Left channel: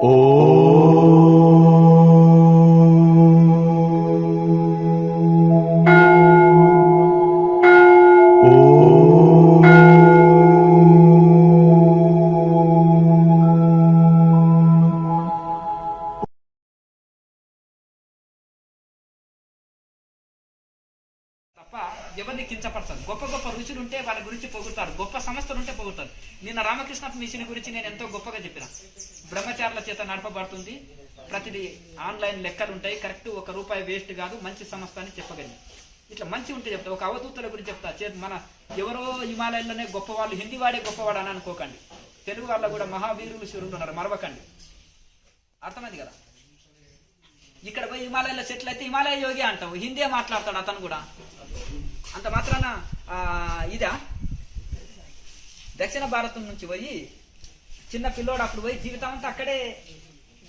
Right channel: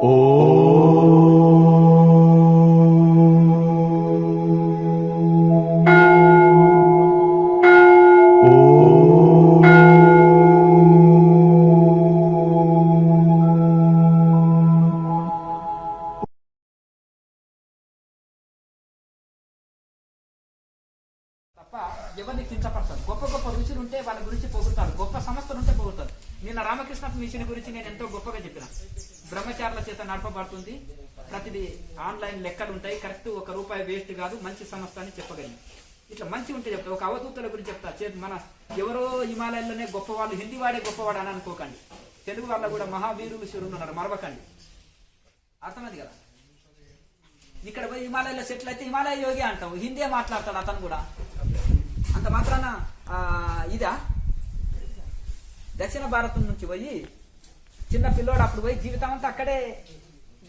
తప్ప ఎవరిని కించపడతారు. గొప్ప గొప్ప రుచులు ఉంటే వాళ్ళ గురించి పొగుడతారు, గొప్ప సంస్థలు ఉంటే పొగుడతారు. నిన్న రామకృష్ణ మిషన్ గురించి నేను ఎంతో గొప్పగా చెప్పిన. బ్రహ్మచారుల చేత నడపబడుతుంది, ప్రతిదీ ఆన్లైన్ లెక్కలు ఉంటాయి, కరెక్ట్ ₹1 వేస్ట్ కాదు, మంచి సంస్థ అని చెప్పగలిగి. ఇట్లా మంచి ఉంటే చెప్తా. ఒక అవధూతల గురించి చెప్తా. మన ఎవరో హిమాలయాల్లోనే గొప్పవాళ్ళు, హిందీ వాడే గొప్పవాడు అని అనుకోకండి. తెలుగు వాళ్ళ కూడా మహావీరులు శివులు ఉన్నారు, మరవకండి. అర్థమైంది కదా. ఇక్కడ పోయి హిమాలయాల్లో సెటిల్ అయితే హిమాలయ యోగి అంటాం, హిందీ మాట్లాడతాడు అతను కూడా. అంత మాత్రాన ఇదా దక్షిణ భారతం నుంచి పోయి చిన్న పిల్లోడు అప్పుడు పోయి జీవితం అంతా అక్కడే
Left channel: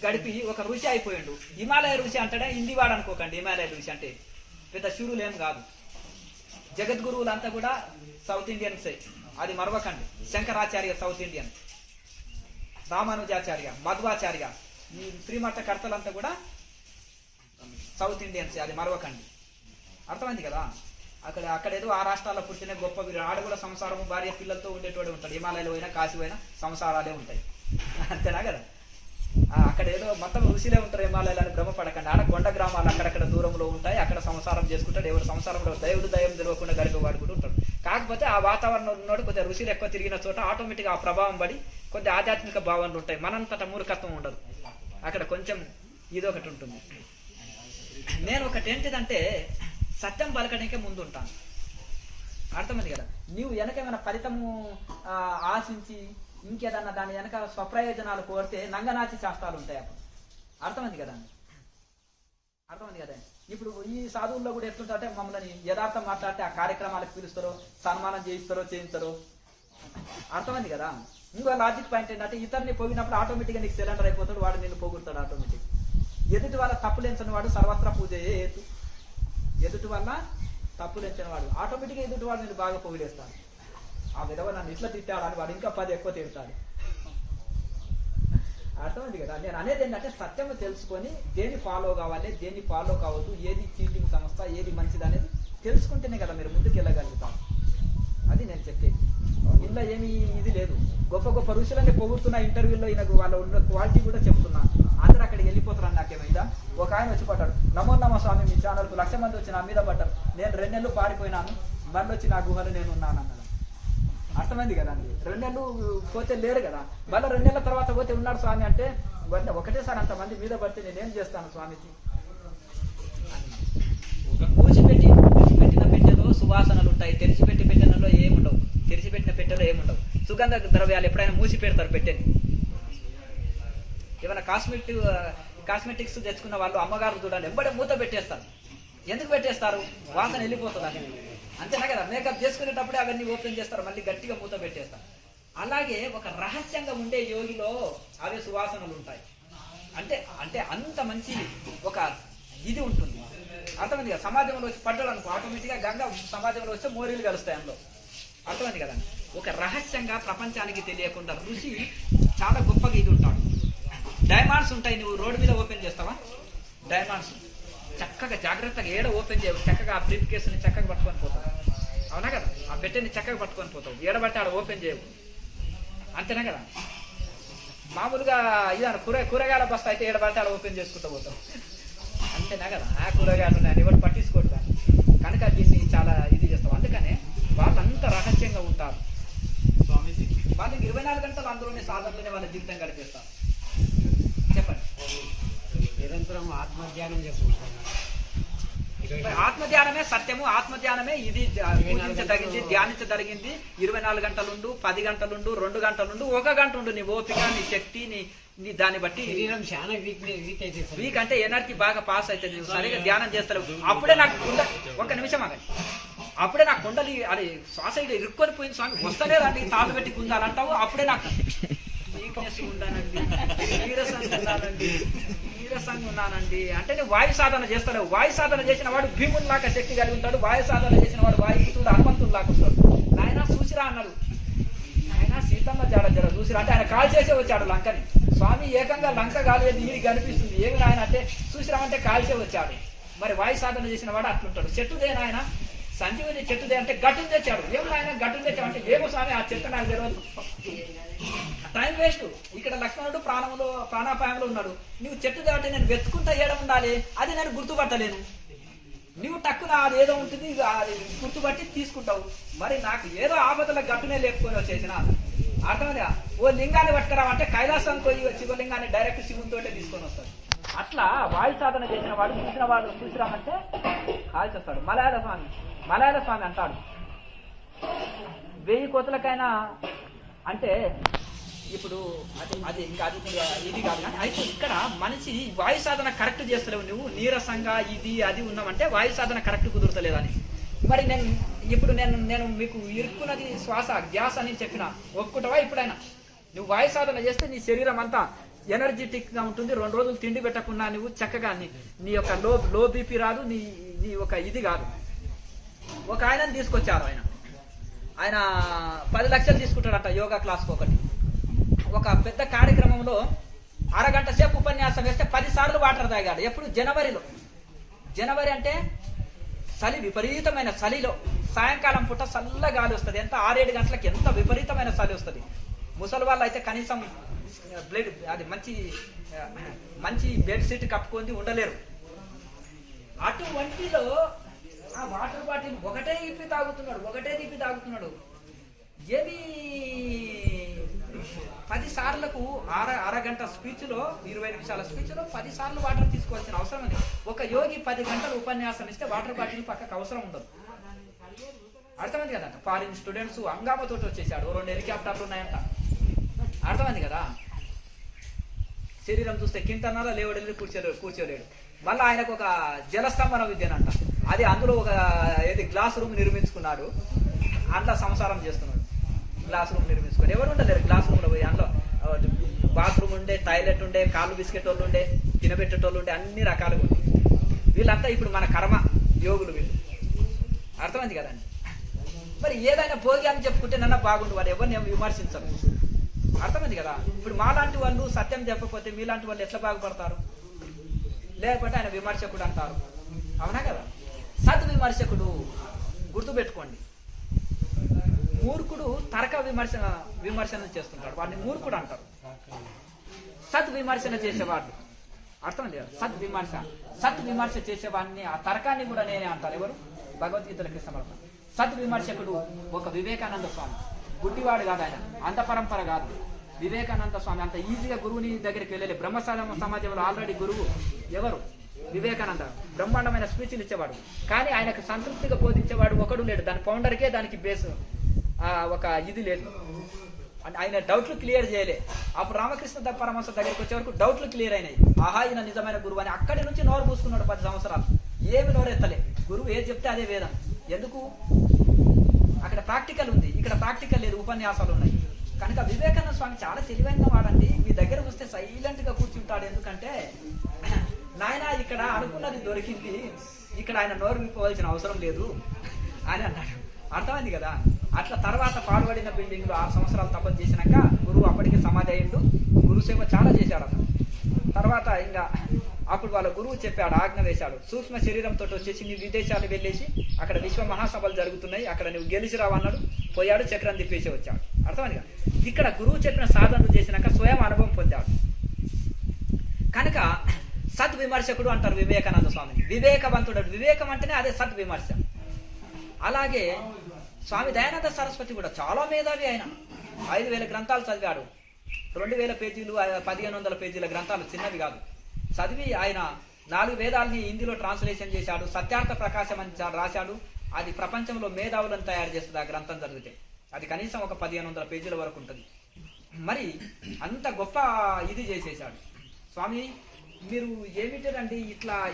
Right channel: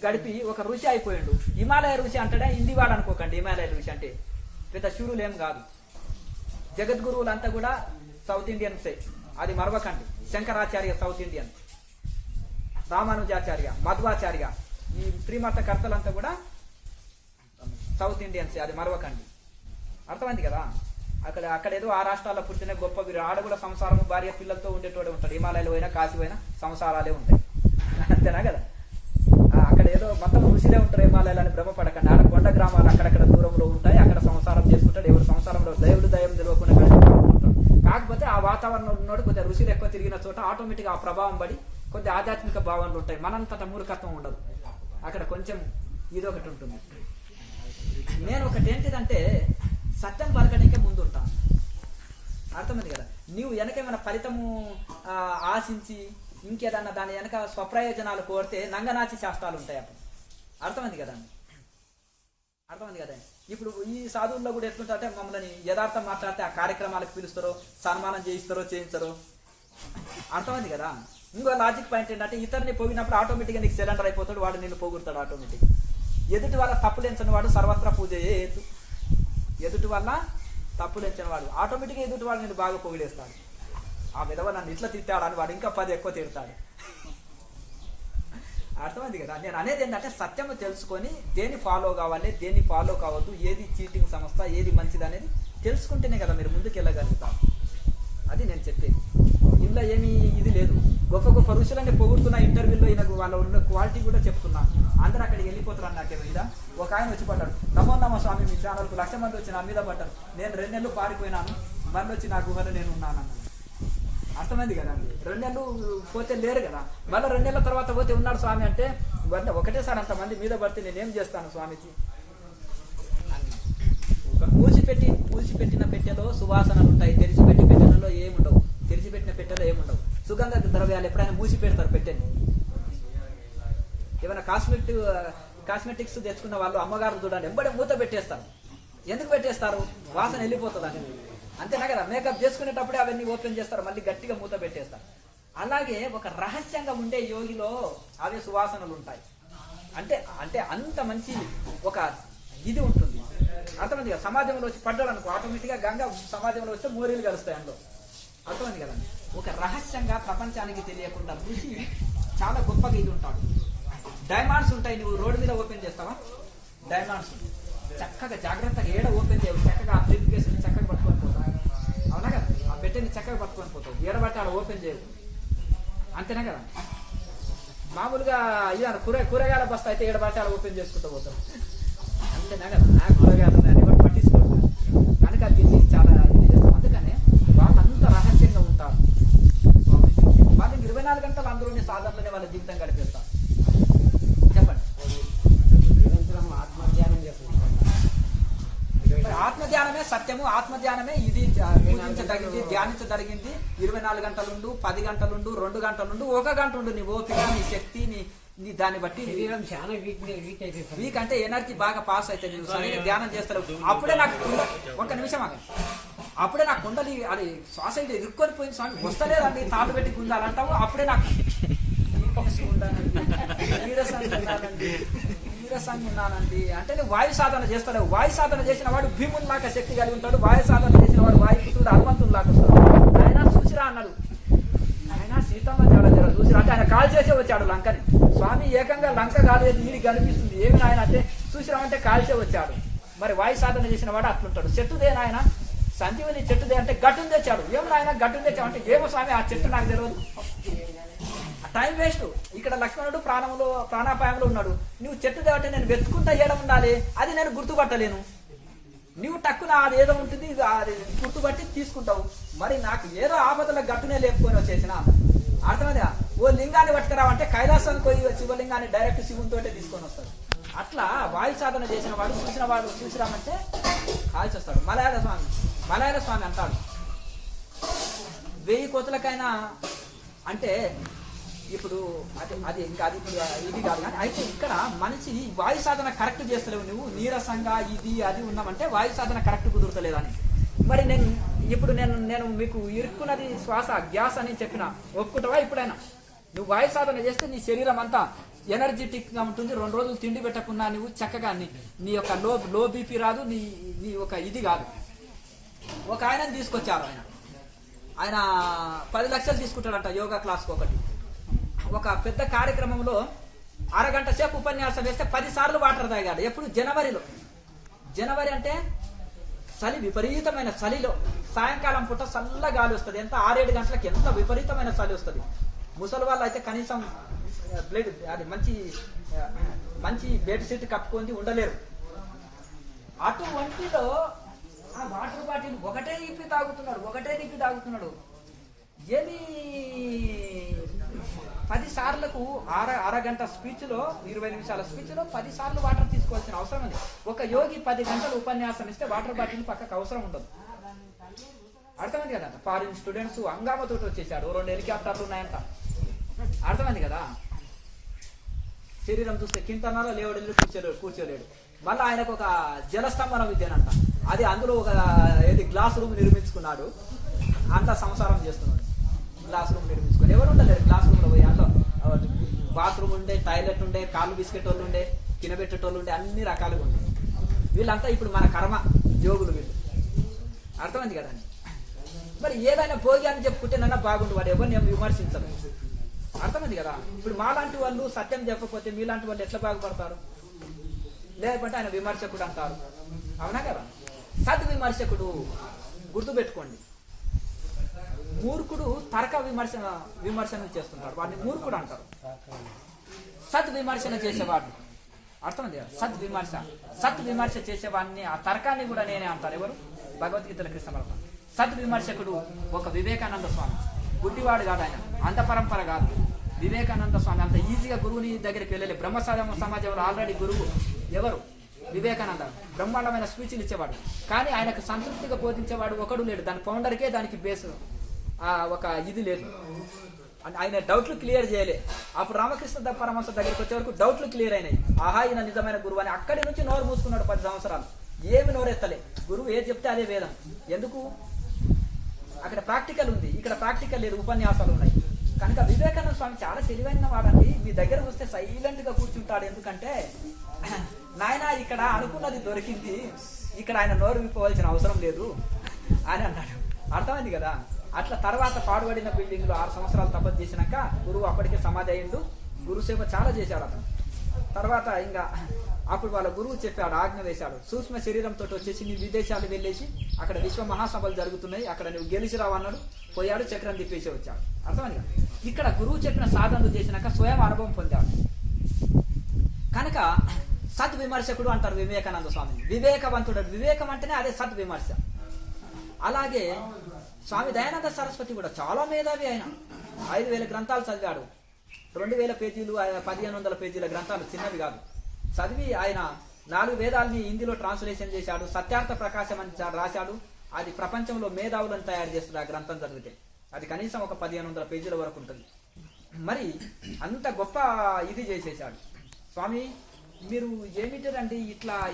గడిపి ఒక ఋషి అయిపోయాడు. హిమాలయ ఋషి అంటాడే, హిందీ వాడు అనుకోకండి. హిమాలయ ఋషి అంటే పెద్ద శివులు ఏం కాదు. జగద్గురువులంతా కూడా సౌత్ ఇండియన్సే, అది మరవకండి. శంకరాచార్య సౌత్ ఇండియన్, రామానుజాచార్య, మధ్వాచార్య, ఈ త్రిమత కర్తలంతా కూడా సౌత్ ఇండియన్స్, అది మరవకండి. అర్థమైంది కదా. అక్కడ ఏదో ఆ రాష్ట్రాల్లో పుట్టిన గొప్ప ఆడ కూడా సంసారం, భార్య పిల్లలతో ఉండేటోడు ఉంటాడు. హిమాలయాలు పోయినా కాశీ పోయినా సంసారాలే ఉంటాయి, అంతేనా కదా. అక్కడ ఏదో మొత్తం ఋషిలే ఉంటారు హిమాలయాలని భ్రమపడకండి. ఆడ కొండ గ్రామాలు అక్కడక్కడ దూరంలో ఉంటాయి, అక్కడ సంసారం చేసుకుంటాడు. ఎవరు సంసారంలో దైవుడు దయం తెలియకుండా గడిపడుకుంటాడు. కాకపోతే ఆ వాతావరణంలో ఉన్నాడు, కొద్దిగా ఋషులు ఎక్కువ తిరిగిన చోట ఆటోమేటిక్గా ఆ ప్రభావం పడి కొద్దిగా ఆధ్యాత్మిక భావనలు ఉంటాయి. మనంతట మూర్ఖత్వం ఉండదు అక్కడ, కొంచెం ఇదొకటి ఉంటుంది. నేను ఒకటి ఏంటిదంటే సత్యం పలకడానికే ముందు ఉంటాను. అర్థమైంది కదా. నీవు వెనకేమైనా ఫలితము ఆశించి ఇంకేదన్నా దాని వెనక స్వప్రయోజనాలు కోరితే నంగనాచి శాస్త్రాలు ఉంటాయి అప్పుడు. అర్థమైంది కదా. అర్థమైంది కదా. ఇప్పుడు ఈ సాధువుల్లో కూడా ఎట్లుంటే మమ్మల్ని యథార్థం మాట్లాడితే ఆ కార్యక్రమాలకు పిలుస్తారో, సన్మానం చేయిస్తారో, చేయించారో. అర్థమైంది కదా. ఇంకో లాజిక్ పాయింట్ ఏంటంటే ఇతరుని పోగినప్పుడు ఆటోమేటిక్గా నీకు సిలిండర్ అయిపోతాడు, వాడు నిన్ను పోగొడతాడు ఆటోమేటిక్. ఎదుటి వాళ్ళ తప్పులెంచని వాడు సర్వత్ర పూజ చేయదు. ఎదుటి వల్ల తప్పులెంచని వాడు ఆటోమేటిక్గా ఎదుటి వాడు నేను బాగా పొగిడేస్తాడు. ఆ విధవ నన్ను ఇట్లా తిట్టాడని వాడు ఇంకా 10 ఎక్కువ తిడతాడు. అర్థమైంది కదా. నేను అనేది ఏంటంటే సత్యము తెలుసుకొని దేన్ని ఫాలో కావాలి, దేన్ని ఫాలో కావద్దు, ఏది చీటింగ్ సంస్థ, ఏది మంచిది అనేది తెలుసుకుంటేనే కదా మీరు ముందుకు వెళ్ళగలుగుతారు. అది నేను చెప్పేది. ఇందులో ఏమీ ఇది లేదు. గొప్ప గొప్ప ఋషులన్నీ పొగుడుతున్న ఇంటర్వ్యూలో ఈయనకు వాళ్ళ ఉన్న క్వాలిటీ కూడా చెప్తున్నా. అందరూ అక్కడికి వెళ్ళిపోతారు. నాకేమో ఇదా ఒక ఆయన వచ్చి పడ్డాడు, నమో నమ స్వామి మీ ఛానల్కు 1,00,000 మంది వచ్చి నా మీద పడ్డారు, నేను 2 నెలలు పారిపోయినాను, మళ్ళీ వచ్చి నా గుహలో నేను ఉన్నాను అన్నాడు. అర్థమైంది కదా అండి. 2 నెలలు పోతే లేరు కదా, మళ్ళీ 2 నెలల తర్వాత పోతే ఉన్నాడు స్వామి అంటే ఒకటేసారి అంతమంది మీద పడితే నేనేం చేస్తాను స్వామిజీ. పూసిపెట్టిన పెట్టెలో సువాసనలు ఉంటాయి, తెరిచిపెట్టి పెట్టెలలో ఏముండవు. తెరిచిపెట్టిన పెట్టెలో ఏముండవు. సుగంధ ద్రవ్యాలు ఎప్పుడైనా మూసి పెడతారు పెట్టెని. ఏమైనా కాస్మెటిక్స్ తెచ్చుకున్న వాళ్ళు అమ్మగారు చూడాలి, ఎంబడే మూత పెట్టేస్తారు. ఎందుకు పెట్టేస్తారు? వాసన వెళ్ళిపోతుంది అని. అంతేనా కదా. మేకప్ చేసుకునేటప్పుడే అవన్నీ ఓపెన్ చేస్తారు, మళ్ళీ గట్టిగా మూత పెట్టేస్తారు. అలాగే ఒక రహస్యంగా ఉండే యోగిలో అవే సువాసనలు ఉంటాయి. అంటే అంటే అంత మంచి ఒక ఇది ఉంటుంది. అర్థమైంది కదా. సమాజంలో వచ్చి పడ్డాడు అనుకో, ఆటోమేటిక్గా గంగ సమాజంలో వస్తే మోరీలు కలుస్తాయి అందులో. అర్థమైంది కదండి. ఒక రహస్యంగా ప్రపంచానికి తెలియకుండా ఋషి చాలా గొప్పగా ఇది ఉంటాడు. డైమండ్స్ ఉంటాయి, నువ్వు రోడ్డు మీద ఓపెన్ చేస్తావా? డైమండ్స్ చక్కగా జాగ్రత్తగా ఏడ ఓపెన్ చేయవు, చక్కగా ఆ బ్రీఫ్ కేసుని చక్కగా పట్టుకొని పోతావు. అవునా కదా. ఆ పెట్టెని చక్కగా పట్టుకొని పోతావు, ఏడబట్టి ఆడ ఓపెన్ చేయవు. అంతేనా కదా. మామూలుగా ఇది కూరగాయల బస్తా అయితే ఏడబట్టి ఆడ ఓపెన్ చేసుకుంటూ పోతావు. అంతేనా కదా. నా కూరగాయలు నేను ఎవరు పట్టించుకోడు కనుక దీన్ని చాలా ఇది చేస్తాం. అందుకనే వాళ్ళంతా రహస్యంగా ఉంటారు. వాళ్ళకి 24 గంటలు అందులోనే సాధనలోనే వాళ్ళ జీవితం గడిపేస్తారు. చెప్పండి. నిరంతరం ఆత్మధ్యానం చేసుకుంటాం. ఆత్మధ్యానమే సత్యము, ఆత్మధ్యానమే ఇది ధ్యానించదగినది. 24 గంటలుండు, 10 గంటలుండు, 2 గంటలుండు, 1 గంట ఉండు. నీ ఓపిక, నీ శక్తి, నీ దాన్ని బట్టి. శరీరం చాలా వీక్ అయితే, వీక్ అంటే ఎనర్జీ బాగా పాస్ అవుతుంది. సరిగా ధ్యానం చేస్తారు. అప్పుడే నాకు ఒక్క నిమిషం ఆగండి. అప్పుడే నాకు కుండలి అది శ్వాస ఇరుక్కొని పోయింది స్వామి, వస్తలేదండి, తాళ్ళు పెట్టి గుంజాలంటావు. అప్పుడే నాకు నీరసంగా ఉన్నానండి అంటే నేను వాయు సాధన చేస్తాడు. వాయు సాధన చేసిన వాడు భీముని లాగా శక్తి కలిగి ఉంటాడు. వాయు సాధన చేసిన వాడు వాయుపుత్రుడు హనుమంతుడు లాగా వస్తాడు. ఆయన చూసిరా అన్నాడు. ఆయన సీతమ్మ తేడా జర చూసి అంటే ఆయన కాల్ చేసే వచ్చాడు లంకని. స్వామి ఏకంగా లంక కాలేదు ఇది కనిపిస్తుంది ఏమి నాయన అంటే చూసిరామంటే కాల్చే వచ్చాడు. మరి వాయు సాధన చేసిన వాడు అట్లుంటాడు. చెట్టుదే నాయన సంజీవుని చెట్టుదే అంటే గట్టును తెచ్చాడు. ఏమి నాయన గట్టును తెచ్చావు అంటే ఏమో స్వామి ఆ చెట్టు నాకు తెలియదు. Time waste. ఇక్కడ లక్ష్మణుడు ప్రాణాపాయంలో ఉన్నాడు. నువ్వు చెట్టు అంటే నేను వెతుకుంటా చేయడం ఉండాలి, అది నేను గుర్తుపట్టలేను. నువ్వు టక్కున అది ఏదో ఉంటుంది అది గుర్తుపట్టి తీసుకుంటావు. మరి నాకు ఏదో ఆపదల గట్టునే లేపుకొని వచ్చేసిన అర్థమైందా. ఓ లింగాన్ని పట్టుకురావంటే కైలాసానికి పోయి శివలింగాన్ని డైరెక్ట్ శివునితో తీసుకొని వస్తాడు. అట్లా వాయు సాధన చేసిన వాడు చూసిరామంటే కాల్చేస్తాడు. మలయాళ స్వామి అంటాడు 1000 కోతులకైనా అంటే ఇప్పుడు అది ఇది కాదు. అయితే ఇక్కడ మనిషి వాయు సాధన కరెక్ట్ చేస్తలేవు. నువ్వు నీరసంగా ఇది అది ఉన్నామంటే వాయు సాధన కరెక్ట్ కుదురుతలేదని. మరి నేను మీకు ఇరుక్కున్నది శ్వాస గ్యాస్ అని చెప్పిన ఒప్పుకుంటావా? ఇప్పుడైనా నువ్వు వాయు సాధన చేస్తే నీ శరీరం అంతా ఎనర్జెటిక్ గా ఉంటుంది. 2 రోజులు తిండి పెట్టకుండా నువ్వు చక్కగా నీ యొక్క లో బీపీ రాదు, నీ ఒక ఇది కాదు. ఒక ఆయనని తీసుకొచ్చారు. ఆయన 10 లక్షలు తీసుకుంటాడంట యోగా క్లాస్కి ఒకటి. ఒక పెద్ద కార్యక్రమంలో 1/2 గంట సేపు ఉపన్యాసం వేస్తే 10 సార్లు వాటర్ తాగాడు. ఎప్పుడు? జనవరి అంటే చలి, విపరీతమైన చలిలో సాయంకాలం పూట చల్ల గాలి వస్తుంది. ఎంత 6-7 గంటలకు ఎంత విపరీతమైన చలి వస్తుంది. ముసలి వాళ్ళు అయితే కనీసం అది మంచి బెడ్ షీట్ కప్పుకొని ఉండలేరు. అటువంటిలో ఆ వాటర్ బాటిల్ ఒకటే దిప్పి తాగుతున్నాడు. ఏమి 10 సార్లకు 1/2 గంట స్పీచ్ లో 20 నిమిషాల స్పీచ్ లో 10 సార్లు వాటర్ తీసుకోవాల్సిన అవసరం ఉంది. ఒక యోగి 10 గంటలు ఉపన్యాసం ఇస్తే వాటర్ బాటిల్ పక్కకు అవసరం ఉండదు. అర్థమైంది కదా. ఫారిన్ స్టూడెంట్స్ హంగామాతో వచ్చేసాడు. 2 హెలికాప్టర్లు ఉన్నాయంట. అర్థమైంది కదా. శరీరం చూస్తే కింటనాలో లేవడలేదు, కూర్చోలేడు. మళ్ళీ ఆయనకు ఒక జలస్తంభన విద్యనంట. అది అందులో ఒక గ్లాస్ రూమ్ నిర్మించుకున్నాడు. అంతా సంసారం చేస్తున్నాడు. గ్లాస్ రూమ్ నిర్మించుకుని ఎవరు ఉండలేరు. క్లాస్ రూమ్ లో పోయి అందులో బాత్రూమ్ ఉండే, టాయిలెట్ ఉండే, కాళ్ళు బిస్కెట్ వాళ్ళు ఉండే, తినబెట్టేటోళ్ళు ఉండే, అన్ని రకాలుగా ఉండే. వీళ్ళంతా ఇప్పుడు మన కర్మ యోగులు వీళ్ళు. అర్థమైంది కదండి. మరి ఏదైనా భోగి అని చెప్పుకుంటే నన్న బాగుండు, వాడు ఎవరిని ఏమి విమర్శించరు. అర్థమైంది కదా. ఇప్పుడు మాలాంటి వాళ్ళు సత్యం చెప్పకపోతే మీలాంటి వాళ్ళు ఎట్లా బాగుపడతారు? లేకపోతే ఆయన విమర్శకుడు అంటారు. అవునా కదా. సద్విమర్శకుడు గుర్తుపెట్టుకోండి. మూర్ఖుడు తర్క విమర్శన చేస్తుంటాడు, వాడిని మూర్ఖుడు అంటారు. సద్విమర్శన చేసేవాడు అర్థమైంది కదా. సద్విమర్శ చేసేవాడిని ఆ తర్కాన్ని కూడా నేనే అంటారు. ఎవరు? భగవద్గీతల కృష్ణ పరమాత్మ. సద్విమర్శకుడు ఒక వివేకానంద స్వామి. గుడ్డివాడు కాదు ఆయన, అంత పరంపర కాదు. వివేకానంద స్వామి అంత ఈజీగా గురువుని దగ్గరికి వెళ్ళలే. బ్రహ్మ సమాజంలో ఆల్రెడీ గురువు ఎవరు? వివేకానంద. బ్రహ్మాండమైన స్పీచ్లు ఇచ్చేవాడు. కానీ ఆయనకు సంతృప్తిగా బోధించేవాడు ఒకడు లేడు. దాని ఫౌండర్కే దానికి బేస్ ఒక ఇది లేదు. ఆయన డౌట్లు క్లియర్ చేయలే. అప్పుడు రామకృష్ణ పరమహంస దగ్గరికి వచ్చే వరకు డౌట్లు క్లియర్ అయినాయి. ఆహా ఈయన నిజమైన గురువు అని. అక్కడి నుంచి నోరు మూసుకున్నాడు 10 సంవత్సరాలు. ఏమి నోరెత్తలే. గురువు ఏది చెప్తే అదే వేదం. ఎందుకు? అక్కడ ప్రాక్టికల్ ఉంది, ఇక్కడ ప్రాక్టికల్ లేదు, ఉపన్యాసాలు ఉన్నాయి. కనుక వివేకానంద స్వామి చాలా తెలివైన వాడండి. మీ దగ్గర వస్తే సైలెంట్ గా కూర్చుంటాడు. ఎందుకంటే నాయన ఇక్కడ అనుకున్నది దొరికింది, ఇక్కడ ఆయన నోరు విప్పవలసిన అవసరం లేదు అని అన్నాడు. అర్థమైంది కదా. అట్లా తర్వాత పాడుబడిన బిల్డింగ్ లో 6 సంవత్సరాలు తపస్సు చేసినాక గురువు అప్పటికే సమాధి అయ్యిండు. గురు సేవ చాలా చేశాడు. తర్వాత ఇంకా అప్పుడు వాళ్ళ గురువు చెప్పాడు, ఆజ్ఞ వేశాడు. సూక్ష్మ శరీరంతో వచ్చేసి నీ విదేశాలు వెళ్ళేసి అక్కడ విశ్వ మహాసభలు జరుగుతున్నాయి, అక్కడ నువ్వు గెలిచి రావన్నాడు. పోయాడు, చక్రం తిప్పేసి వచ్చాడు. అర్థమైంది కదా. ఇక్కడ గురువు చెప్పిన సాధనలు చేసినాక స్వయం అనుభవం పొందాడు. కనుక సద్విమర్శకుడు అంటారు వివేకానంద స్వామిని. వివేకవంతుడు. వివేకం అంటేనే అదే సద్విమర్శ. అలాగే స్వామి దయానంద సరస్వతి కూడా చాలా మేధావి. ఆయన 5000 గ్రంథాలు చదివాడు. 2000 పేజీలు 1500 పేజీల గ్రంథాలు చిన్నవి కాదు. చదివి ఆయన 4 వేదాలని హిందీలో ట్రాన్స్లేషన్ చేశాడు. సత్యార్థ ప్రకాశం అని రాశాడు. అది ప్రపంచంలో మేధావులను తయారు చేస్తుంది. ఆ గ్రంథం చదివితే అది కనీసం ఒక 1500 పేజీల వరకు ఉంటుంది. మరి అంత గొప్ప ఇది చేసేశాడు స్వామి. మీరు ఏమిటండి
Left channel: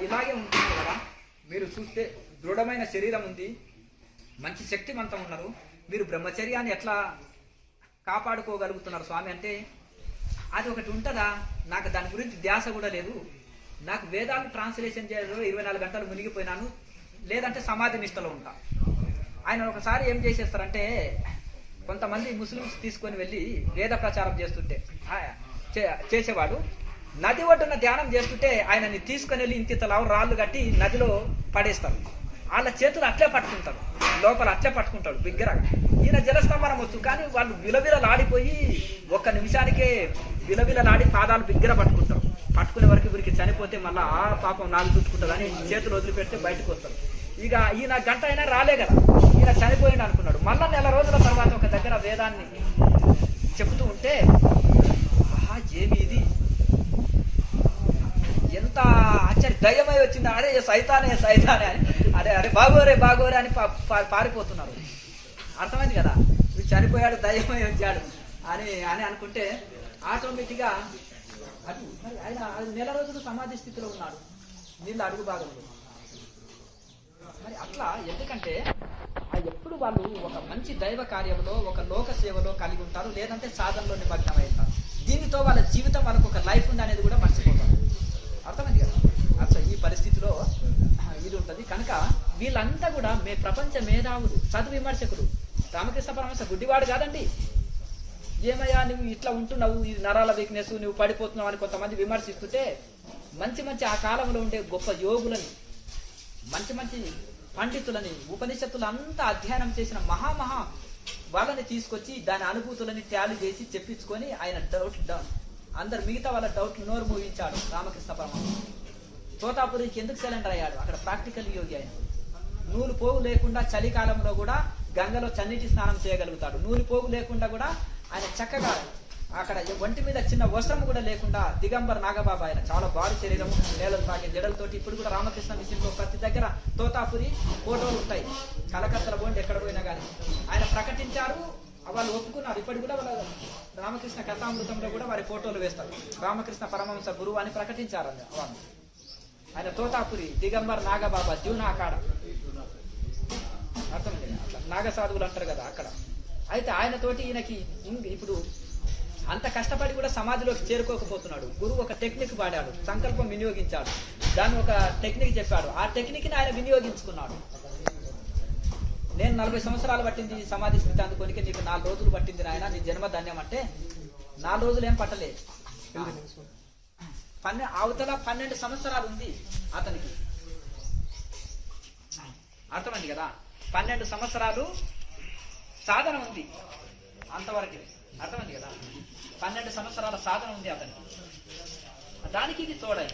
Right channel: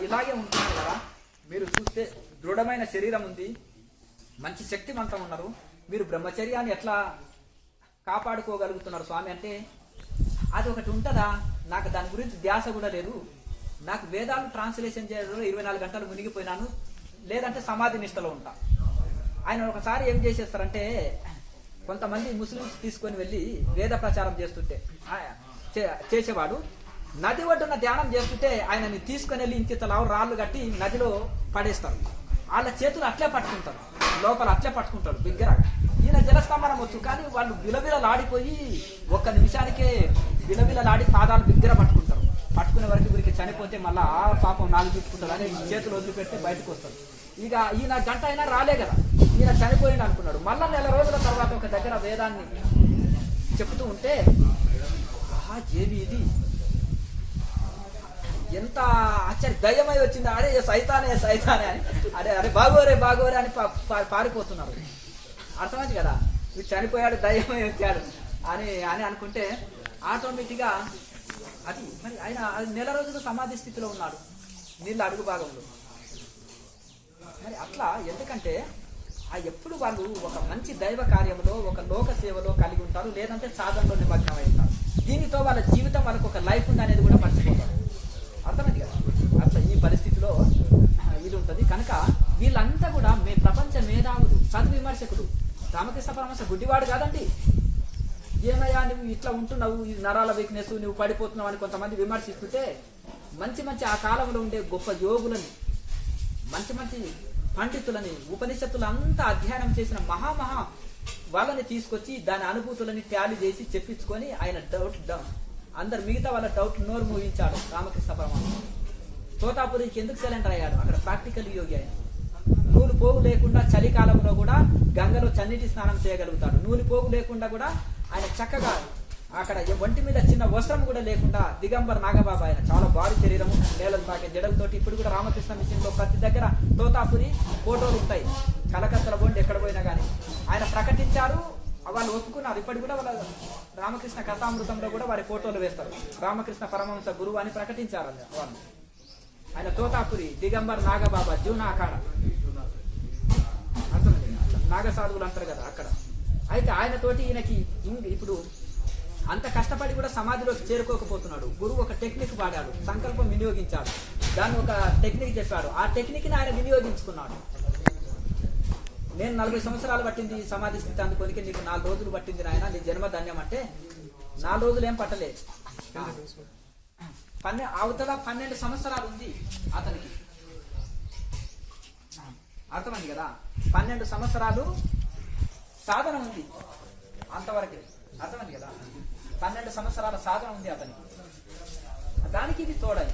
ఇలాగే ఉంటున్నారు కదా. మీరు చూస్తే దృఢమైన శరీరం ఉంది, మంచి శక్తివంతం ఉన్నారు. మీరు బ్రహ్మచర్యాన్ని ఎట్లా కాపాడుకోగలుగుతున్నారు స్వామి అంటే అది ఒకటి ఉంటుందా? నాకు దాని గురించి ధ్యాస కూడా లేదు. నాకు వేదాలు ట్రాన్స్లేషన్ చేయడంలో 24 గంటలు మునిగిపోయినాను. లేదంటే సమాధి నిష్టలో ఉంటా. ఆయన ఒకసారి ఏం చేసేస్తారంటే కొంతమంది ముస్లిమ్స్ తీసుకొని వెళ్ళి వేద ప్రచారం చేస్తుంటే చేసేవాడు నది ఒడ్డున ధ్యానం చేస్తుంటే ఆయనని తీసుకొని వెళ్ళి ఇంత రాళ్ళు కట్టి నదిలో పడేస్తారు. వాళ్ళ చేతులు అట్లే పట్టుకుంటారు, లోపల అట్లే పట్టుకుంటాడు బిగ్గరగా. ఈయన జలస్తంభనం వచ్చు, కానీ వాళ్ళు బిలబిలలాడిపోయి ఒక్క నిమిషానికే బిలబిలలాడి పాదాలు బిగ్గర పట్టుకుంటారు. పట్టుకునే వరకు వీరికి చనిపోతే మళ్ళీ ఆ పాపం నాలుగు చుట్టుకుంటారు అని చేతులు వదిలిపెడితే బయటకు వస్తారు. ఇక ఈయన గంట అయినా రాలే కదా, ఈయన చనిపోయింది అనుకున్నాడు. మళ్ళా నెల రోజుల తర్వాత ఒక దగ్గర వేదాన్ని చెబుతూ ఉంటే ఏమి ఇది ఎంత ఆశ్చర్య దయ్యమై వచ్చింది, అరే సైతానే సైతానే అని, అరే అరే బాగోరే బాగోరే అని పారిపోతున్నారు. అర్థమైంది కదా, వీడు చనిపోయాడు దయ్యమై వచ్చాడు అని అని అనుకుంటే ఆటోమేటిక్గా అది మరి ఆయన నెల రోజులు సమాధి స్థితిలో ఉన్నాడు, నీళ్ళ అడుగు భాగంలో. మరి అట్లా ఎందుకంటే ఎప్పుడు వాళ్ళు ఒక మంచి దైవ కార్యంలో ఒక లోక సేవలో కలిగి ఉంటారు, లేదంటే సాధనలో నిమగ్నమై ఉంటారు. దీనితో వాళ్ళ జీవితం వాళ్ళకు ఒక లైఫ్ ఉంది అనేది కూడా మర్చిపోతారు. అర్థమైంది కదా, అట్లా ఈ పరిస్థితిలో ఇది ఉంటుంది. కనుక వీళ్ళంతా కూడా ప్రపంచ మేధావులు, సద్విమర్శకుడు. రామకృష్ణ పరమహంస గుడ్డివాడు కాదండి. ఏమయ్యా నువ్వు ఇట్లా ఉంటున్నావు, ఈ నరాల వీక్నెస్, నువ్వు పడిపోతున్నావు అని కొంతమంది విమర్శిస్తుంటే మంచి మంచి ఆ కాలంలో ఉండే గొప్ప యోగులని, మంచి మంచి పండితులని, ఉపనిషత్తులు అంతా అధ్యయనం చేసిన మహామహా వాళ్ళని తీసుకొచ్చి దాని అనుభూతులని ట్యాలీ చేసి చెప్పించుకొని ఆయన అందరు మిగతా వాళ్ళ డౌట్ నోరు మూయించాడు రామకృష్ణ పరమహంస. తోతాపురికి ఎందుకు సైలెంట్ అయ్యాడు? అక్కడ ప్రాక్టికల్ యోగి ఆయన. నూలు పోగు లేకుండా చలికాలంలో కూడా గంగలో చన్నీటి స్నానం చేయగలుగుతాడు. నూలు పోగు లేకుండా కూడా ఆయన చక్కగా అక్కడ ఒంటి మీద చిన్న వస్త్రం కూడా లేకుండా దిగంబర్ నాగబాబా ఆయన. చాలా భారీ శరీరము, నేలలు తాకే జడలతోటి. ఇప్పుడు కూడా రామకృష్ణ మిషన్ లో ప్రతి దగ్గర తోతాపురి ఫోటోలు ఉంటాయి. కలకత్తల బోండి ఎక్కడ పోయినా కానీ ఆయన ప్రకటించారు, వాళ్ళు ఒప్పుకున్నారు. ఇప్పటి కూడా వాళ్ళ రామకృష్ణ కథామృతంలో కూడా వారి ఫోటోలు వేస్తారు. రామకృష్ణ పరమహంస గురువు అని ప్రకటించారు ఆయన. తోతాపురి దిగంబర్ నాగబాబా జీవనాకాడ అర్థమైంది, అట్లా నాగసాధువులు అంటారు కదా అక్కడ. అయితే ఆయనతోటి ఈయనకి ఇప్పుడు అంత కష్టపడి కూడా సమాధిలోకి చేరుకోకపోతున్నాడు. గురువు ఒక టెక్నిక్ వాడాడు, సంకల్పం వినియోగించాడు, దాన్ని ఒక టెక్నిక్ చెప్పాడు. ఆ టెక్నిక్ ని ఆయన వినియోగించుకున్నాడు. నేను 40 సంవత్సరాలు పట్టింది సమాధి స్థితి అందుకోనికి, నీకు 4 రోజులు పట్టింది నాయన, నీ జన్మ ధన్యం అంటే 4 రోజులు ఏం పట్టలే. అవతల 12 సంవత్సరాలు ఉంది అతనికి. అర్థమైంది కదా, 12 సంవత్సరాలు సాధన ఉంది అంతవరకు. అర్థమైంది కదా, 12 సంవత్సరాల సాధన ఉంది అతనికి. దానికి ఇది తోడై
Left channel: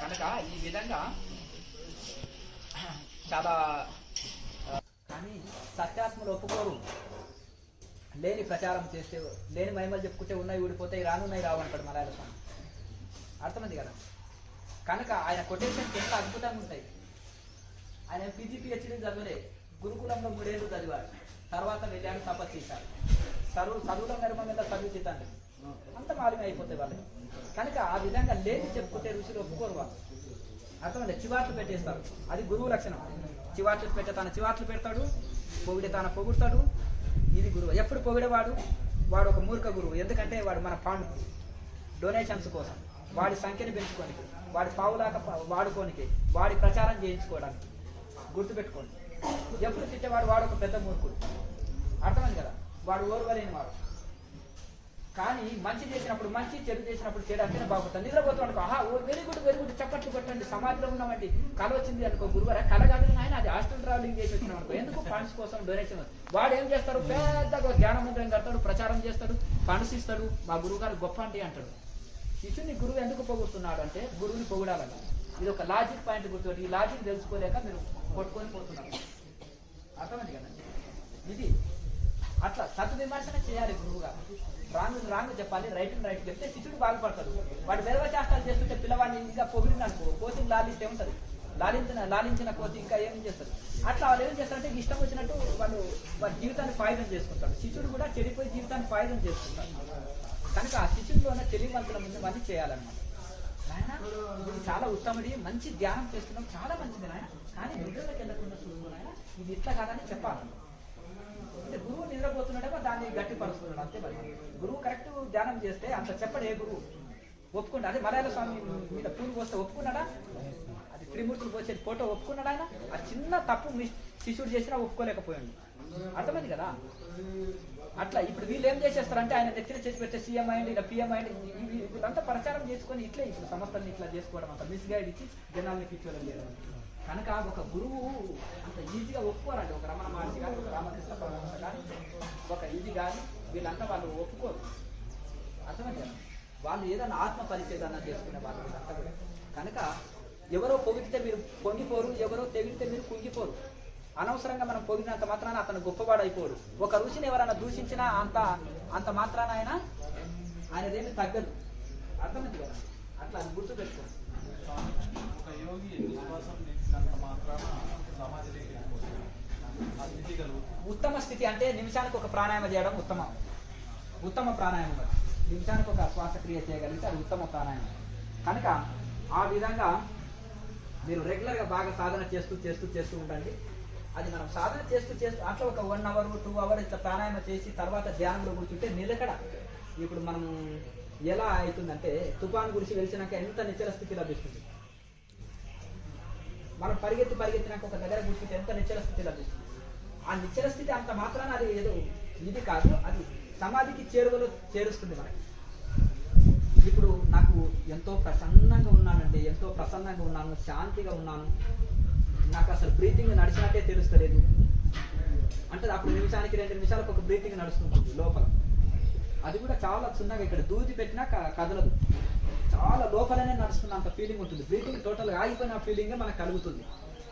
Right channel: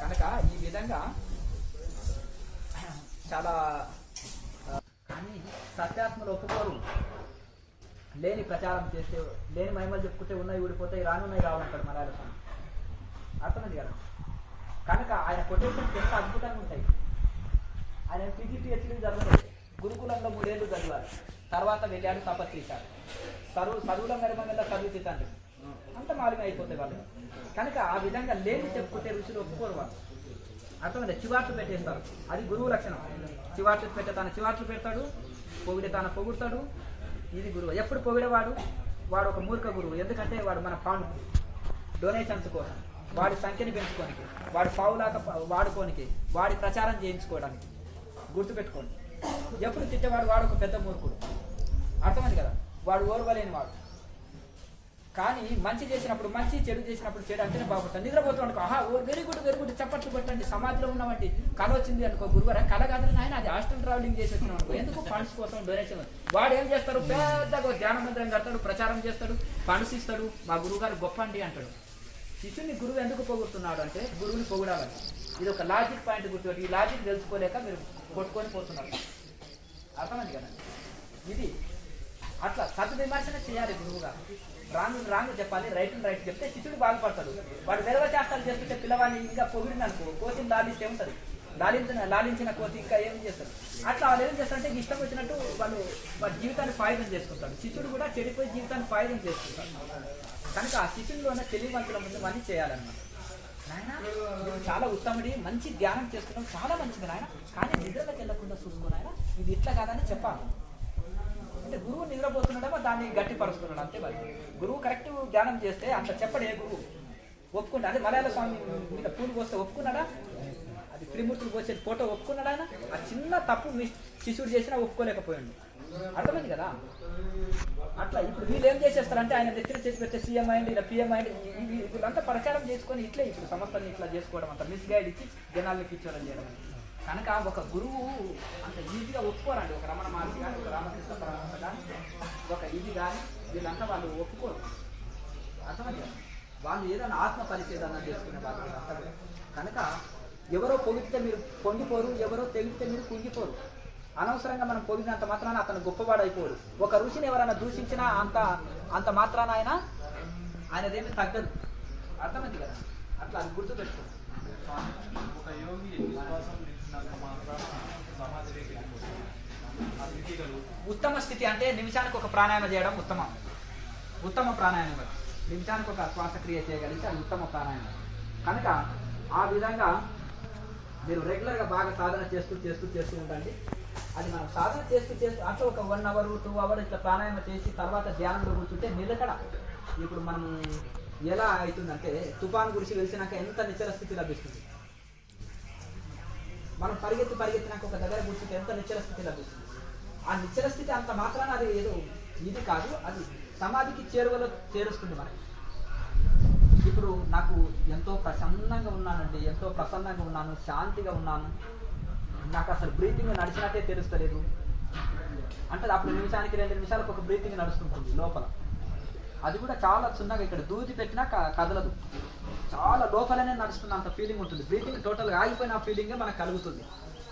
కనుక ఈ విధంగా చాలా. కానీ సత్యాత్మలు ఒప్పుకోరు. లేని ప్రచారం చేస్తే, లేని మహిమలు చెప్పుకుంటే ఉన్నాయి ఊడిపోతాయి, రానున్నాయి రావంటాడు మలయాళ స్వామి. అర్థమైంది కదా. కనుక ఆయన కొటేషన్స్ ఎంత అద్భుతంగా ఉంటాయి. ఆయన పీజీ పిహెచ్డీ చదవలేదు, గురుకులంలో 3 ఏళ్ళు చదివారు, తర్వాత వెళ్ళాడు తపస్సు చేశారు. చదువుల మెరుమల్ల చదివితే తండ్రి అంత మాలిగా అయిపోతాయి వాళ్ళు. కనుక ఆ విధంగా లేని చెప్పుకుంటే రుచులు ఒప్పుకోరు వాళ్ళు. అర్థమైంది, చివాట్లు పెట్టేస్తారు. అది గురువు లక్షణం. చివాట్లు పెట్టే తన చివాట్లు పెడతాడు, పొగిడే తన పొగుడతాడు. ఇది గురువు. ఎప్పుడు పొగిడేవాడు వాడు ఒక మూర్ఖ గురువు. ఎందుకంటే వాడు మన ఫండ్ డొనేషన్స్ కోసం, వాడి సంఖ్యను పెంచుకోనికి, వాడి పావులాక వాడుకోనికి, వాడి ప్రచారం చేయించుకోవడానికి. గుర్తుపెట్టుకోండి, ఎప్పుడు తిట్టేవాడు వాడు ఒక పెద్ద మూర్ఖుడు. అర్థమైంది కదా, వాడు ఓర్వలేని వాడు. కానీ మంచి చేసినప్పుడు మంచి, చెడు చేసినప్పుడు చెడు అంటేనే బాగుంటుంది. నిద్రపోతున్నాడు, ఆహా వెరీ గుడ్ వెరీ గుడ్ చప్పట్లు కొట్టండి. సమాధిలో ఉన్నామంటే కళ వచ్చింది అనుకో, గురువారా కళ కాదని ఆయన అది హాస్టల్ ట్రావెలింగ్ చేసి వచ్చినాం అనుకో, ఎందుకు ఫండ్స్ కోసం డొనేషన్. వాడు ఏం చేస్తాడు, పెద్దగా ధ్యాన మందిరం కడతాడు, ప్రచారం చేస్తాడు, ఫండ్స్ ఇస్తాడు, మా గురువు గారు గొప్ప అండి అంటాడు. శిష్యుని గురువు ఎందుకు పొగుడుతున్నాడు అంటే గురువుని పొగుడాలని. ఇది ఒక లాజిక్ పాయింట్ గుర్తుపెట్టి, ఈ లాజిక్ తెలుసుకోలేక మీరు కొట్టుకొని పోతున్నారు. అర్థమైంది కదా. ఇది అట్లా సద్విమర్శన చేయాలి గురువుగా. రాంగ్ చెప్పాలి, రైట్ చెప్తే శిష్యుడు బాగుపడతాడు. వాడు వేరే చేస్తాను చేస్తుంటే పిల్లవాడిని ఇంకా పొగిడిననుకో, కోతిని లాలిస్తే ఉంటుంది, లాలించిన కోతి ఇంకా ఏం చేస్తారు. అట్లా వాళ్ళు ఏం చేస్తారంటే ఇష్టం వచ్చినట్టు వాళ్ళ జీవితాన్ని ఫాయిదం చేసుకుంటారు. శిష్యుడు కూడా చెడిపోయి జీవితాన్ని ఫాయిదం చేసుకుంటారు. కనుక ఆ శిష్యుల్లో ఉన్న తెలివివంతుల ముందు మనీ చేయాలన్నమాట. నాయన ఇది చాలా ఉత్తముడి, మంచి ధ్యానం చేస్తున్నాం, చాలా మంచిది నాయన, కానీ నిద్రలోకి వెళ్ళకుండా చూసుకో నాయన, ఇది ఇట్లా కాదని చెప్పాలి. అంటే గురువు నిద్రపోతున్నాడేమో దాన్ని గట్టిపరుస్తున్నాడు అంతే. మరి గురువు కరెక్ట్ ధ్యానం చేస్తే అంత చెప్పడు ఏ గురువు ఒప్పుకుంటా. అదే మలయాళ స్వామి మీద పూలు పోస్తే ఒప్పుకున్నాడా? అది త్రిమూర్తులు పోసేది ఫోటో ఒప్పుకున్నాడు ఆయన. ఆ చిన్న తప్పు శిష్యుడు చేసినా ఒప్పుకోలేకపోయాడు. అర్థమైంది కదా. అట్లా ఇప్పుడు వీళ్ళు ఏం చేసేస్తారంటే ఆయన దగ్గర చేసి పెట్టే సీఎం అయింది, ఇలా పిఎం అయింది, వీళ్ళంతా ప్రచారం చేసుకొని ఇట్లే ఇప్పుడు సంస్థల్ని ఇట్లా చేసుకోవడం, అంత మిస్గైడ్ ఇచ్చి జనాల్ని పిచ్చోడం చేయడం. కనుక ఒక గురువు అంత ఈజీగా ఒప్పుకోరండి. ఒక రమణ మహర్షి కానీ, ఒక రామకృష్ణ పరమహంస కానీ, ఒక ఇది కానీ వీళ్ళంతా వాళ్ళు ఒప్పుకోరు. అర్థమైంది. వాళ్ళు ఏదైనా ఆత్మ పరిశీలన చేసుకునే వాళ్ళు. కనుక ఎవరో పొగిడితే మీరు పొంగిపోరు, ఎవరో తెగితే మీరు కుంగిపోరు. అనవసరంగా మనం పొగిడినంత మాత్రాన అతను గొప్పవాడైపోరు. ఒక ఋషిని ఎవరైనా దూషించినా అంత మాత్రాన ఆయనదేమి తగ్గదు. అర్థమైంది కదా. అట్లా అది గుర్తుపెట్టుకోండి. ఒక యోగి విశ్వాసం నిలిచినంత మాత్రాన సమాధిలోకి వెళ్ళిపోతుంది. అది తీగలు ఉత్తమ స్థితి అంటే నిమిషానికి ఒక ప్రాణాయామం చేయడం ఉత్తమ ప్రాణాయామం. నిమిషానికి ఒక శ్వాసక్రియ చేయగలిగితే అది ఉత్తమ ప్రాణాయామం. కనుక ఆ విధంగా మీరు రెగ్యులర్గా బాగా సాధన చేస్తూ ఉండండి. అది మనం సాధన చేస్తూ అట్లా ఒక 1 hour 2 hours ఇట్లా ప్రాణాయామం చేసి తర్వాత ధ్యానంలో కూర్చుంటే నిలకడ. ఇప్పుడు మనం ఎలా అవుతుందంటే తుఫాను గురించి వెలిసినాక ఎంత నిశ్చల స్థితి లభిస్తుంది. మనం పరిగెత్తినాక ఒక దగ్గర కూర్చుంటే ఎంత నిశ్చల స్థితి లభిస్తుంది. ఆ నిశ్చల స్థితి అంత మాత్రాన అది ఏదో ఇది కాదు, అది సమాధికి చేరుస్తుంది మనకి. ఇప్పుడు నాకు ఎంతో ప్రసన్నంగా ఉన్నానండి, ఎంతో ప్రసన్నంగా ఉన్నాను, శాంతిగా ఉన్నాను, నాకు అసలు బ్రీతింగ్ నడిచినట్టే తెలుస్తలేదు అంటే అప్పుడు నిమిషానికి 2 నిమిషాలకు ఒక బ్రీతింగ్ నడుస్తుంటుంది లోపల. అది కూడా చాలా చిన్నగా ఇక్కడ దూది పెట్టినా కదలదు, చాలా లోపలనే నడుస్తున్నంత ఫీలింగ్ ఉంటుంది. బ్రీతింగ్ టోటల్గా ఆగిపోయిన ఫీలింగ్ మనకు కలుగుతుంది.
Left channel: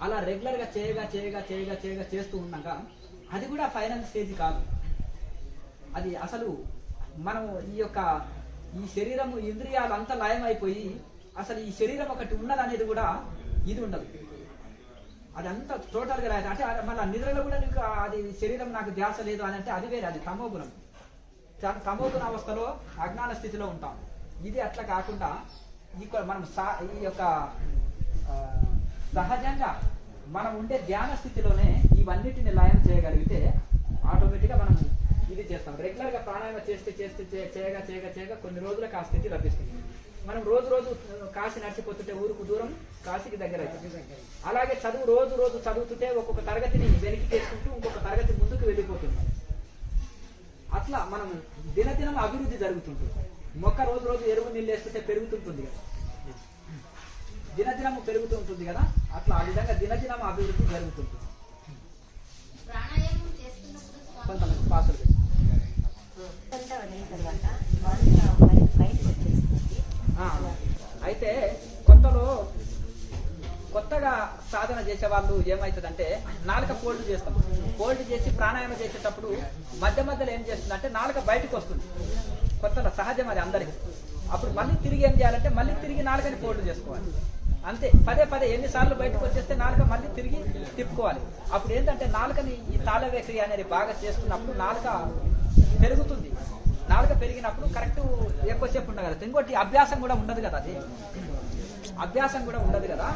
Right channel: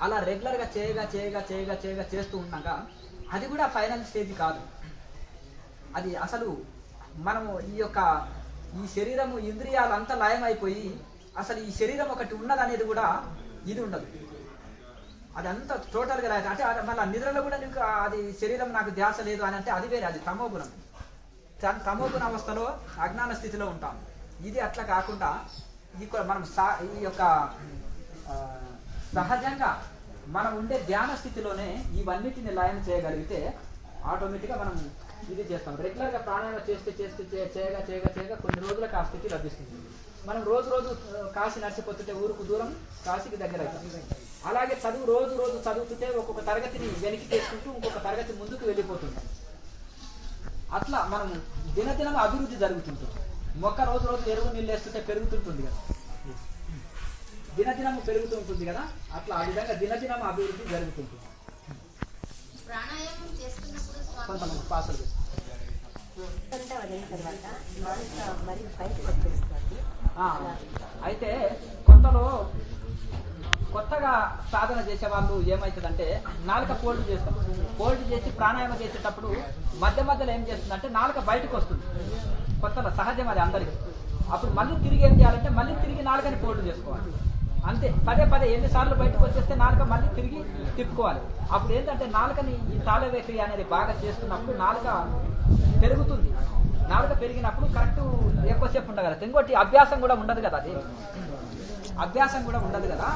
అలా రెగ్యులర్గా చేయగా చేస్తూ ఉండగా అది కూడా ఫైనల్ స్టేజ్ కాదు. అది అసలు మనము ఈ శరీరము ఇంద్రియాలు అంతా లయం అయిపోయి అసలు ఈ శరీరం ఒకటి ఉన్నదనేది కూడా ఇది ఉండదు. అది అంతా టోటల్గా రాదు. అంటే మళ్ళీ నిద్రలో కూడా నీకు అది శరీరం నాకు ధ్యాస లేదు అని అంటే అది వేరే, అది తమోగుణం. తమోగుణ అవస్థలో అజ్ఞాన స్థితిలో ఉంటాం. ఇది అట్లా కాకుండా మనం ఈ యొక్క సహజంగా మనం ఉండే ధ్యాన స్థితిలోనే ఇవన్నిటిని లయం చేయగలిగితే ఆటోమేటిక్గా మనం ఇది చేస్తాం. రెగ్యులర్గా ప్రాణాయామం చేయగా కొన్ని రోజులకు ఆ స్థితి లభిస్తుంది. మనం రోజు కాశీ నడిచిపోతుంటే ఊరుకు దూరం కాశీకి దగ్గర అవుతుంది. అలాగే రోజు చదువుతుంటే ఒక్కొక్క తరగతిని వెనక్కి చేసుకుంటూ ఇంకొక తరగతి ముందుకు వెళ్ళిపోతుంది. అట్లా మనం దినదినం అభివృద్ధి జరుగుతుంటుంది. మొక్క రోజు ఎరువు నీళ్ళు వేస్తుంటే పెరుగుతుంటుంది కదా, దినదినం పెరుగుతూ ఉంటుంది కదా, అట్లా ఆ విధంగా దినదినం అభివృద్ధి జరుగుతుంటుంది. పాసులు అయితే కొత్తగా సాధన చేసే వాళ్ళు ఏమవుతుందంటే నాలుక ఫోల్డ్ చేస్తాం. ఫోల్డ్ చేసి ప్రాణాయామం చేసేటప్పుడు మధ్యలో ఏం చేస్తుందంటే నాలుక బయటకు వస్తుంది. కొత్తలో సహజం అది అందరికీ. అప్పుడు మళ్ళీ తిరిగి ఏం చేయాలంటే మళ్ళీ తిరిగి నాలుకని ఫోల్డ్ చేసుకోవాలి. అంతే పదే ఎన్నిసార్లు బయటకు వచ్చేస్తే నాలుక మళ్ళీ తిరిగి తిప్పుకోవాలి. అప్పుడు ఏంటంటే నాలుకని ఈ తాళవేక్రియ అనేది బాగా చేస్తున్నప్పుడు నాలుక పెరుగుతుంది. నాలుక పెరిగినప్పుడు కరెక్ట్ ఎక్కువసేపు ఉండగలదు. ఇంకోటి అభ్యాసం కూడా ఉండదు కదా, అది అభ్యాసం కూడా ఉండదు కదా,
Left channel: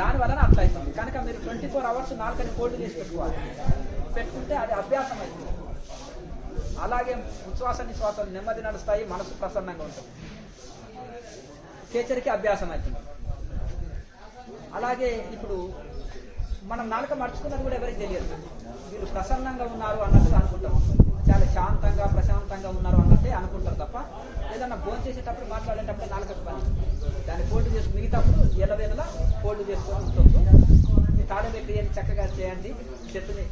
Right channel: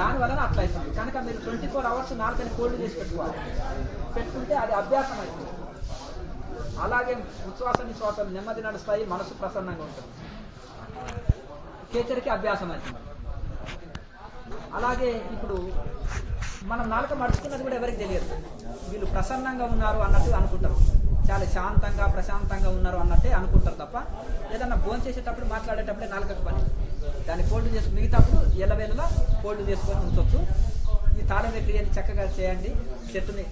దాని వలన అట్లా అవుతుంది. కనుక మీరు 24 hours నాలుకని ఫోల్డ్ చేసి పెట్టుకుంటే అది అభ్యాసం అవుతుంది. అలాగే ఉచ్ఛ్వాస నిశ్వాసాలు నెమ్మది నడుస్తాయి, మనసు ప్రసన్నంగా ఉంటుంది. కేచరికి అభ్యాసం అవుతుంది. అలాగే ఇప్పుడు మనం నాలుక మడుచుకున్నది కూడా ఎవరికి తెలియదు. వీళ్ళు ప్రసన్నంగా ఉన్నారు అన్నట్టుగా అనుకుంటారు, చాలా శాంతంగా ప్రశాంతంగా ఉన్నారు అన్నట్టే అనుకుంటారు తప్ప ఏదన్నా భోజనం చేసేటప్పుడు మాట్లాడేటప్పుడే నాలుకకు పని. దాన్ని ఫోల్డ్ చేసి మిగతాప్పుడు ఎల్లవేళలా ఫోల్డ్ చేసుకొని ఉంచవచ్చు. ఈ తాళవేక్రియని చక్కగా చేయండి, చెట్టుని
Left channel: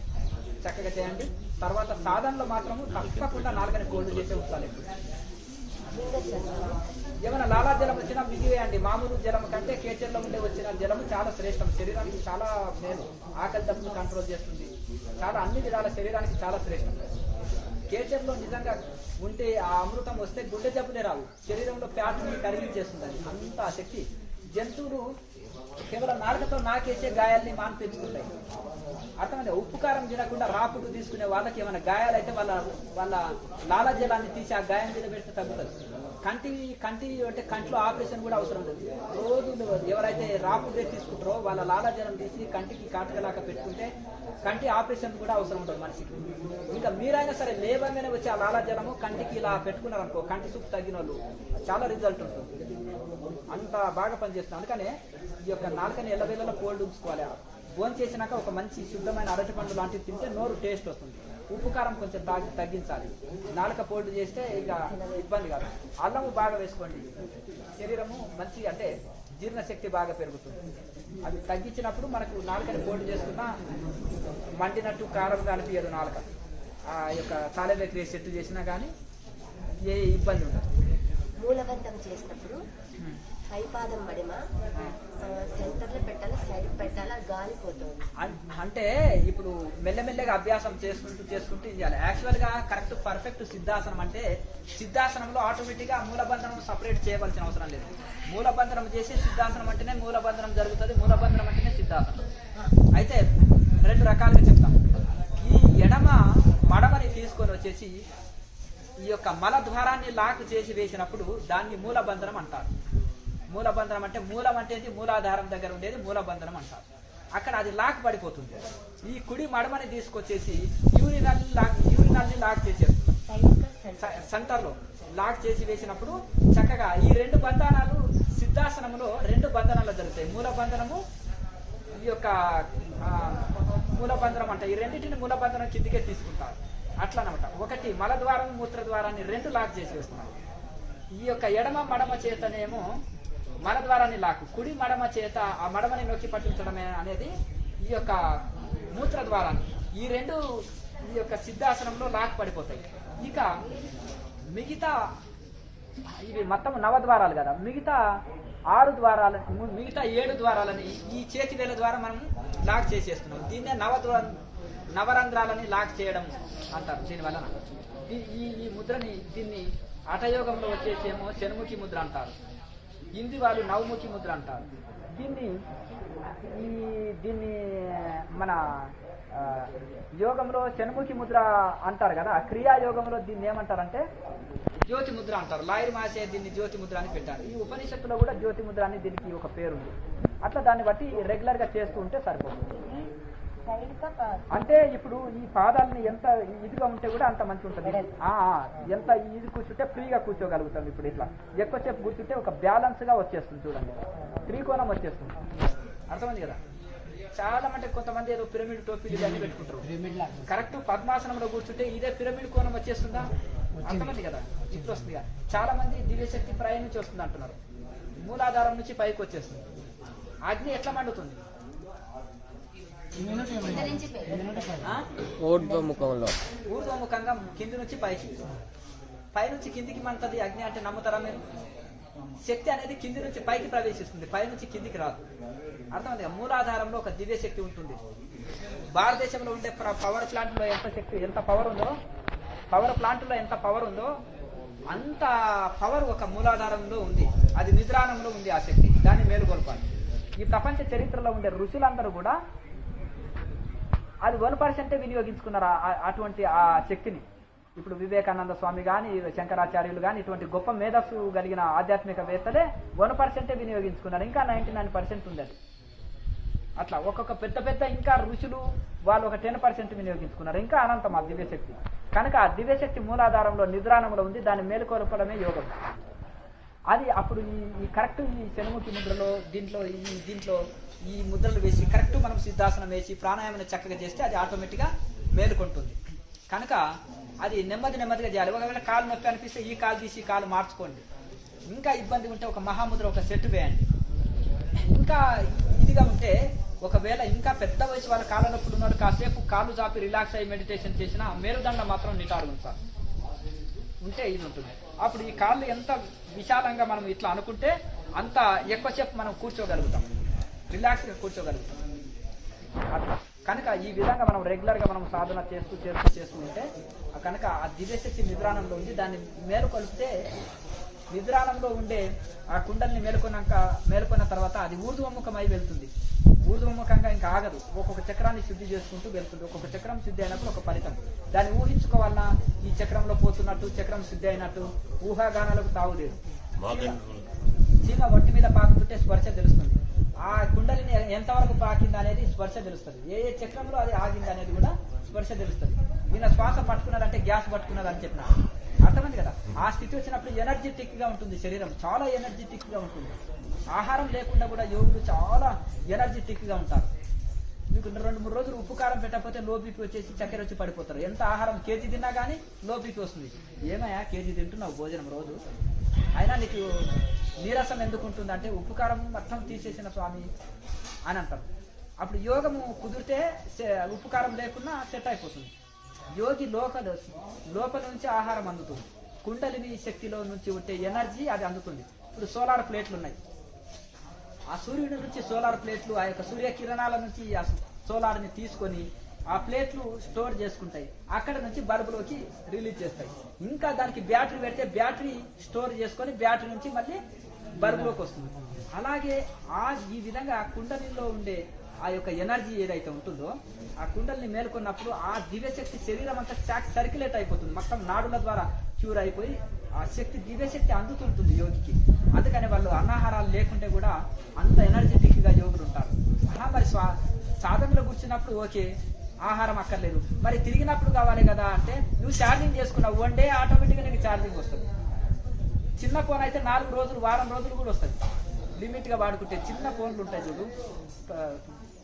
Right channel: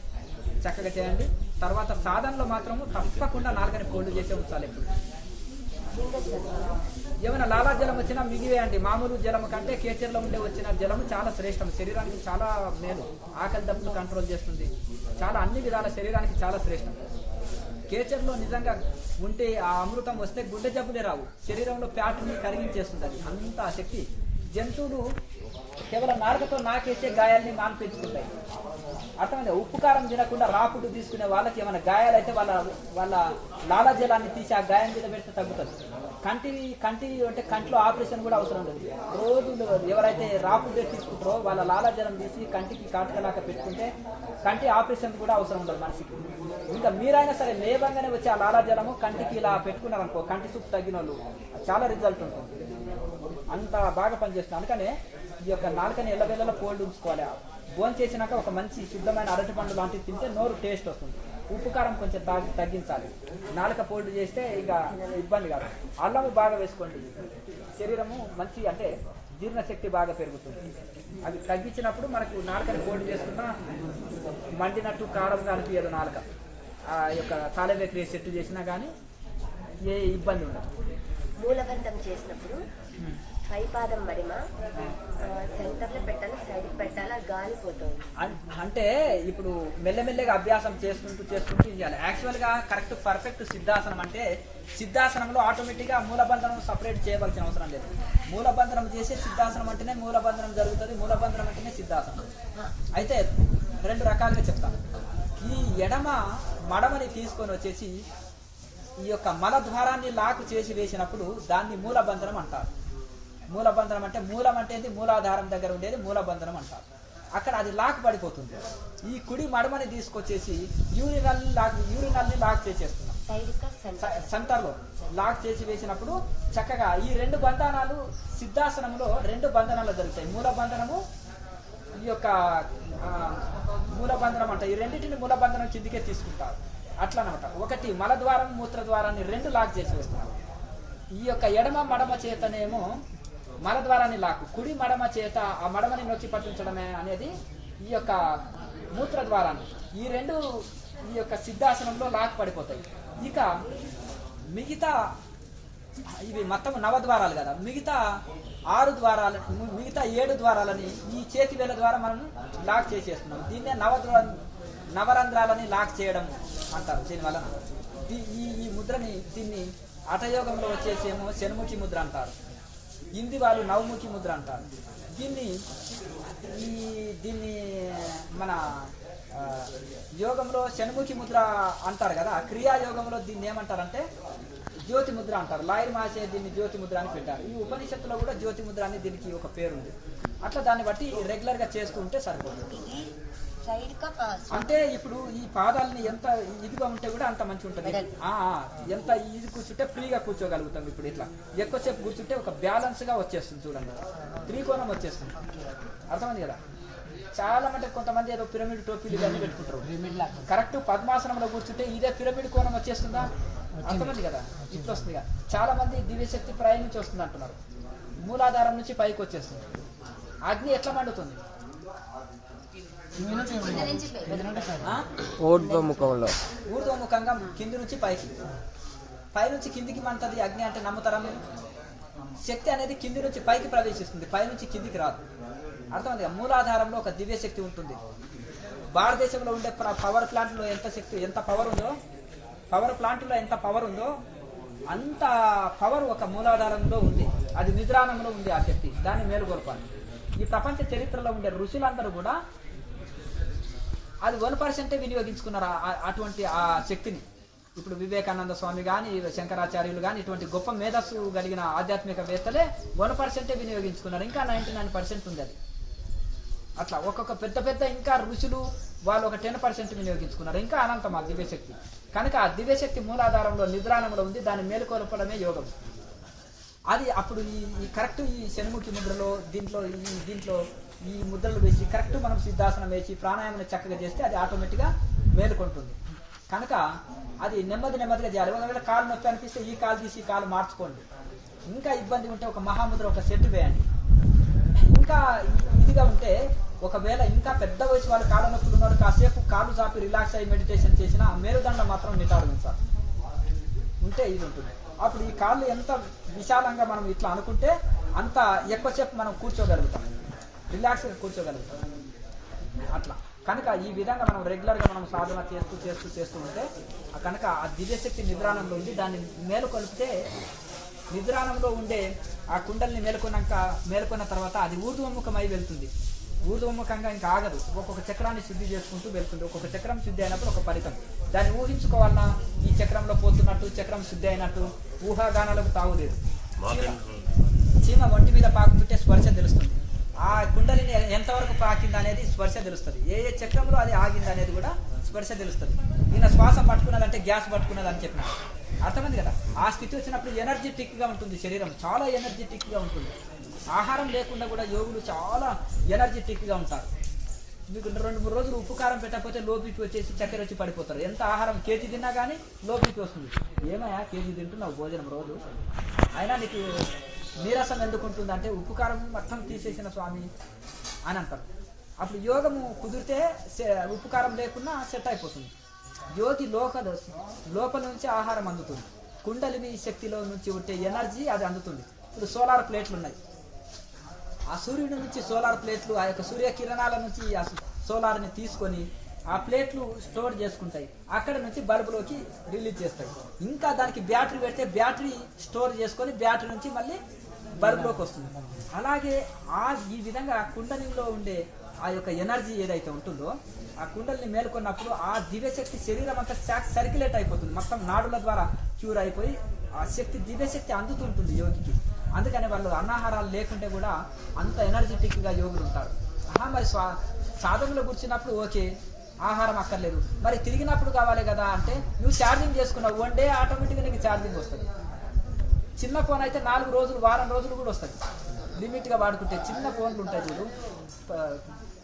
చక్కగా చేయండి. తర్వాత సాధనలో మాత్రము తప్పకుండా నాలుకని ఫోల్డ్ చేసే ఉంచాలి. ఏమైనా లాలా జలం వచ్చినా మిగివేయండి. మామూలు జలం కంటే కేచర్లో ఉండే వచ్చిన జలం చాలా శ్రేష్టం, శరీరానికి చాలా మేలు, ఆకలి దప్పులు కంట్రోల్ చేస్తుంది, చాలా అన్ని విధాల శరీరానికి చాలా శ్రేష్టం. కేచర్లో నిజంగా ఉంటే ఆ అమృతం వస్తే గుండె జబ్బులే రావు, శరీరంలో ఫ్యాట్ని కరిగించేస్తుంది. అది అంత శక్తి. జంతువులు కేవలం నాలుకతో నాకేసే గాయాలని మాన్పించుకుంటాయి. అర్థమైంది. ఉప్పు కారం తినకుండా రాపుడు తీసుకునే వాళ్ళకి ఏమైనా గాయాలైతే వాళ్ళ లాలాజలాన్ని తీసి ఆ గాయం మీద పెడితే తగ్గుతుంది. కంటి అంటే కంట్లో ఆపరేషన్ కూడా అవసరం లేదు. రోజు ఎవరైతే రాపుడే తీసుకుంటారో వాళ్ళ లాలాజలం తీసి కంటికి కాటుకలాగా పెట్టుకుంటే కంటి ఆపరేషన్ కూడా అవసరం ఉండదు మనిషికి. ఇంకా మీరైనా సరే లేవంగానే వచ్చి ఆ లాలాజలము కంటికి ఇలా పెట్టుకున్నారనుకో, కంటి చూపు తగ్గిన వాళ్ళు చాలా రిజల్ట్ ఉంటుంది, అంత బాగా పనిచేస్తుంది. అందుకనే ఈ యొక్క నాలుకని ఎల్లవెల్లలా కోల్డ్ ఉంచుకోవాలి. భోజనం చేసినాక ఒక మంచి శుద్ధమైన అరటి పండు లాంటివి తింటే నోరు టేస్ట్ వస్తుంది. ఉప్పు కారం కొంచెం తగ్గించాలి. నాలుక పోల్డ్ చేస్తే ఇక ఇబ్బంది కాదు. అల్లము బాగా వేసుకోండి. శరీరము మంచి అంటే జీర్ణశక్తి బాగా పెరుగుతుంది. అది తగ్గించినప్పుడు మనకు నాలుకని పోల్డ్ చేసుకున్నా మండినట్టు కారంగా అనిపించదు. నాలుక ఆ యొక్క కాలేబేకరీ సెట్ చేసినా కానీ ఏ ఇబ్బంది ఉండదు. మూలబంధం చేసినప్పుడు పైపాదం మడిమ సెంటర్లో పెట్టాలి, సైడ్కి పెట్టాలి, గాలిపోతుంది. అంటే ఇప్పుడు మెల్లమెల్లగా అభ్యాసం చేసుకుంటూ ఇవ్వాలి. యాక్చువల్గా కరెక్ట్ పర్ఫెక్ట్ సిద్ధాసనం అంటే సిద్ధాసనంలో ఆటోమేటిక్గా మూలబంధనం సపరేట్ చేయవలసిన అవసరం లేదు. మూలబంధనం చేసే సిద్ధాసనం అంటేనే మూలబంధనం జరుగుతుంది. మూలబంధనం అంటేనే సిద్ధాసనం. అయితే రెండు రకాలుగా చెప్తాను. ఈ ఎడమ మడమని తీసుకొని వచ్చేసి ఈ యొక్క మలద్వారాన్ని లాక్ చేసి వేసినప్పుడు దాన్ని మూలబంధనం అంటారు. మూలబంధనం అంటే మూలం అంటే మూలాధారం దగ్గర ఉండేది మూలబంధనం అంటారు. అక్కడ అది లాక్ పడిపోతుంది. ఈ కుడి మడమని తీసుకొచ్చేసి యూరినల్ని లాక్ చేసేస్తుంది. సెంటర్లో లాక్ చేసి వేసినప్పుడు చక్కగా ఈ రెండు బంధనాలు సిద్ధాసనంలో రెండు బంధనాలు జరుగుతాయి. మూలబంధనము ఈ యొక్క మూలబంధనం అంటే ఈ రెండింటిని మూలబంధనం కిందికే తీసుకుంటారు. అట్లా అనమాట. ఒకటి మలద్వారం మూత్రద్వారాన్ని రెండు లాక్ చేసి వేస్తున్నారు. ఈ యొక్క ఎడమ మడమ చేతనేమో మలద్వారాన్ని లాక్, కుడి మడమ చేత ఆ మడమని నొక్కి పట్టించడమే అనేది ఈ యొక్క మూత్రద్వారాన్ని. ఈ రెండు ఈ యొక్క సిద్ధాసనంలో లాక్ పడిపోతాయి. ఇక మిగతా ఇవి మొత్తం 9 ద్వారాలు కదా, మిగతా 6 ద్వారాలు మిగతా 7 ద్వారాలని ఈ చేతి వేల ద్వారా మనం లాక్ చేసేస్తున్నాం. దీన్నే నవరంధ్రాలని లాక్ చేయడం అంటారు. దీనివల్ల ఈ ముద్రని దీన్ని హఠయోగంలో వచ్చేసేమో షణ్ముఖి ముద్ర అంటారు. హిందీ వాళ్ళు నవముఖి ముద్ర అంటారు. దీన్ని మన యోగంలో షణ్ముఖి ముద్ర అంటారు కదా. క్రియాయోగంలో దీన్ని ఏమంటారంటే జ్యోతి ముద్ర అంటారు. లాయర్ మాసే దీన్ని జ్యోతి ముద్ర అని పెట్టారు. ఈ ఉపనిషత్తులో కూడా జ్యోతి ముద్ర అని దీనికి ఒక పేరు ఉంది. అట్లా దాన్ని బట్టి రెగ్యులర్ గా చేస్తూ ఉంటే సరిపోతుంది. అంటే ఇప్పుడు ఈ పాదాలని ఎంత ఇదిగా ఉంటే కూడా అంత మంచి ఉంటుంది. ఎంత ఇది కూర్చుంటే ఫ్రీగా కూర్చోగలుగుతాం. ఇప్పుడు ఇట్లా ఎక్కువసేపు కూర్చుంటే ఒక బ్యాలెన్స్ గా వచ్చేస్తుంది. చూడండి, త్రికోణం వచ్చేస్తుంది. అర్థమైంది కదా. చాలా మంది కొంతమంది ఏదో పిరమిడ్ టోపీలు ఇవన్నీ పెట్టుకుంటారు. కరెక్ట్ పద్మాసనంలో కూర్చుంటే ఇదే పిరమిడ్ కోణం వచ్చేస్తుందా? అర్థమైంది కదా. ఇట్లా వస్తుంది కదా. చాలా మంది దివ్యశక్తి ప్రయాణించి వస్తుంది అంటున్నారు. మూలాధారం నుంచి పైకి వచ్చేస్తుంది. అగ్ని ఎట్లా మండుతుంది? ఊర్ధ్వముఖంగా కింది నుంచి పైకి, పైనుంచి కిందికి మంటది అగ్ని అంటే నమ్ముతారా మీరు? శక్తి అనేది కింది నుంచి పైకి ప్రవేశిస్తుంది, పైనుంచి కిందికి రాదు. అర్థమైంది. మూలాధారంలో ఒక దివ్య శక్తి ఉంటుంది. భారతదేశంలో ఉండే పవర్ ప్లాంట్లో ఎంత పవర్ ఉందో, పవర్ ప్లాంట్లో ఎంత పవర్ ఉందో అంత పవర్ ఒక మూలాధారంలో ఉంది. అది నిద్రానంలో ఉంది. ఆ శక్తి దాన్ని మేలుకొల్పాలి. ఈ ప్రపంచ చరిత్రలో ఉండే ఋషులందరూ కూడా అది 1% వినియోగించుకున్నారు అటువంటి ఆ శక్తిని. ఇప్పుడు వివేకానంద స్వామి కానీ, శంకరాచార్యులు కానీ, ఇటువంటి గొప్ప మేధస్సు కలిగిన ఆధ్యాత్మికవేత్తలే 1% వినియోగించుకున్నారు. ఇంకా 99% ఉంది అది. అట్లా ఒక్కొక్క పెద్ద ఇంకా ఋషులు వాళ్ళు ఒక 10% వినియోగించుకున్నారు. ఇంకా అనంతం ఆ దివ్యశక్తి. కనుక ఆ దివ్యశక్తి మూలాధారంలో నిద్రానంలో ఉంది. దాన్ని మేలుకొల్పడమే యోగం. అది అప్పుడు ఈ కరెక్ట్ ఈ షణ్ముఖి ముద్రలో దీంట్లో ఈ ముద్రలు వేసి కరెక్ట్ మనం సిద్ధాసనం వేసి ప్రాణాయామం చక్కగా చేస్తే అది ఆటోమేటిక్గా మేలుకుంటుంది. కనుక అది నెమ్మదిగా చేయాలి. ఒకవేళ కాలు నొప్పి అనిపిస్తే ఈ కాలు తీసి ఈ కాలు మార్చుకోండి. ఇంకా ఇబ్బంది ఉంటే ఒక మహాముద్ర ఒక సెట్ వేయండి. ఇంకా ఇదిగా ఉంటే ఒకవేళ ఇంకా పెద్ద వయసు వాళ్ళ కాళ్ళ నొప్పులు ఉన్నాడు, కాసేపు కాళ్ళు చాపి రిలాక్స్ అయ్యి మెడిటేషన్ చేసినా మేలుదండ మాత్రం నిటాడు ఉంచాలి. ఉంటే ఇది ఉంటుంది. అప్పుడు ఈ కాళ్ళు ఎంత విశాలంగా మనం ఇట్లా అనుకుంటే అంత ఎక్కువసేపు మనం కూర్చోగలుగుతాం, రిలాక్స్గా కూర్చోగలుగుతాం. అట్లా కనుక ఈ విధంగా మనం రెగ్యులర్గా మనం సాధన చేస్తూ ఉంటే కనుక ఆ దివ్యశక్తి నిద్రానంలో ఉంది. దాన్ని మేలుకొలిపితే నిద్రానంలో ఉండే ఆ కుండల్ని మేలుకున్న తర్వాత అది ఊర్ధ్వముఖమై వెళ్తుంది. ఊర్ధ్వముఖంగా ఇంకా ఆగదు. ఒక్కొక్క చక్రాన్ని శుద్ధి చేసుకుంటూ వెళ్తుంది. ఒక్కొక్క చక్రం శుద్ధి అయినప్పుడు ఒక ఫలితం. దాన్ని ఊహించుకోవాలన్నా ఈ చక్రంలో పోతున్నట్టు, చక్రం శుద్ధి అయినట్టు ఊహాగానాలకు తావులేదు. చీమ ఒంటి మీద పాకుతుంటే స్పర్శ తెలుస్తుంది. ఆ కుండలిని ఎంతవరకు పాకింది అనేది స్పర్శ తెలుస్తుంది. ఏ చక్రంలో అది ఆగింది అనేది కూడా స్పర్శ తెలుస్తుంది. ఈయన శ్వాస పట్టుకున్నదంటే గ్యాస్ పట్టుకున్నది అని చెప్పినట్టు అర్థమైంది కదా. ఆ స్థితి వచ్చినప్పుడు ఎనర్జెటిక్ గా ఉంటుంది. శరీరం చాలా ఎనర్జెటిక్ గా ఉంటుంది. ఆహారం లేకుండా కూడా యోగులు చాలా ఎనర్జెటిక్గా ఉంటారు. మీకు 2-3 రోజులు ఉప్పు కారం పెట్టకపోతే లో బీపీ వచ్చేసి చక్కెర వచ్చి పడిపోతారు. ఎంత ఆహారం కేజీ తిన్నా కానీ లో బీపీ వస్తుంది. ఏమయ్యా కేజీ తింటున్నావు భోజనం రోజు, అయినా నీకు నీరసం ఎందుకు ఉంటుంది అంటే ఉప్పు కారం మొత్తం తీసేసిన స్వామి అని అంటారు. అప్పుడు యోగము కుదిరితే ఉప్పు కారం లేకుండా సెట్ అయిపోతుంది. యోగి లోపల నుంచి ఆహారం అందుతుంది. కుండలిని శక్తిలో నుంచి ఉంటే ఎనర్జీ అది అందుతుంది. ఇప్పుడు సోలార్ ప్లేట్లు ఉన్నాయి, ఆ సూర్యుడి నుంచి సోలార్ ప్లేట్లు ఆ యొక్క సూర్యకిరణాల నుంచి ఆ సోలార్ని తీసుకొని ఆ ప్లేట్లు స్టోర్ చేసుకుంటాయి. అక్కడ నుంచి బల్బులోకి రిలీజ్ చేస్తాయి. ఇంకా దానికి బ్యాటరీ పెడితే బ్యాటరీ స్టోర్ చేసుకొని బ్యాటరీ నుంచి మళ్ళీ బల్బులోకి వస్తుంది. అలాగే ఈ విధంగా కుండలిలో ఉండే ఆ యొక్క ఎనర్జీ ఏదైతే ఉంటుందో ఆ కుండలిని మేల్కొన్నప్పుడు ఆ దివ్యశక్తి శరీరం అంతా సర్క్యులేట్ అయిపోతుంది. మొత్తం నాడుల ద్వారా క్యూర్ అయిపోయి ఆ శక్తి దివ్యశక్తి అందుతుంటుంది యోగికి. అందుకని వాళ్ళు అన్నాహారాలు లేకుంటే కూడా అంత ఎనర్జెటిక్గా యోగులు ఉంటారు. మరి సాధనలో కూర్చున్నప్పుడు ఓకే ఆహారం అక్కర్లేదు, మరి తిరిగినప్పుడు కావాలి కదా అంటే నువ్వు ఛార్జింగ్ చేసుకున్నావు 1 డే ఆటోమేటిక్గా నీకు ఛార్జింగ్ వస్తుంది. చిన్న ఫోన్ అయితే 4 రోజులు వారం రోజులు కూడా వస్తుంది లిమిట్గా వాడుకుంటే. చిన్న ఫోన్లు ఉంటాయి చూడు,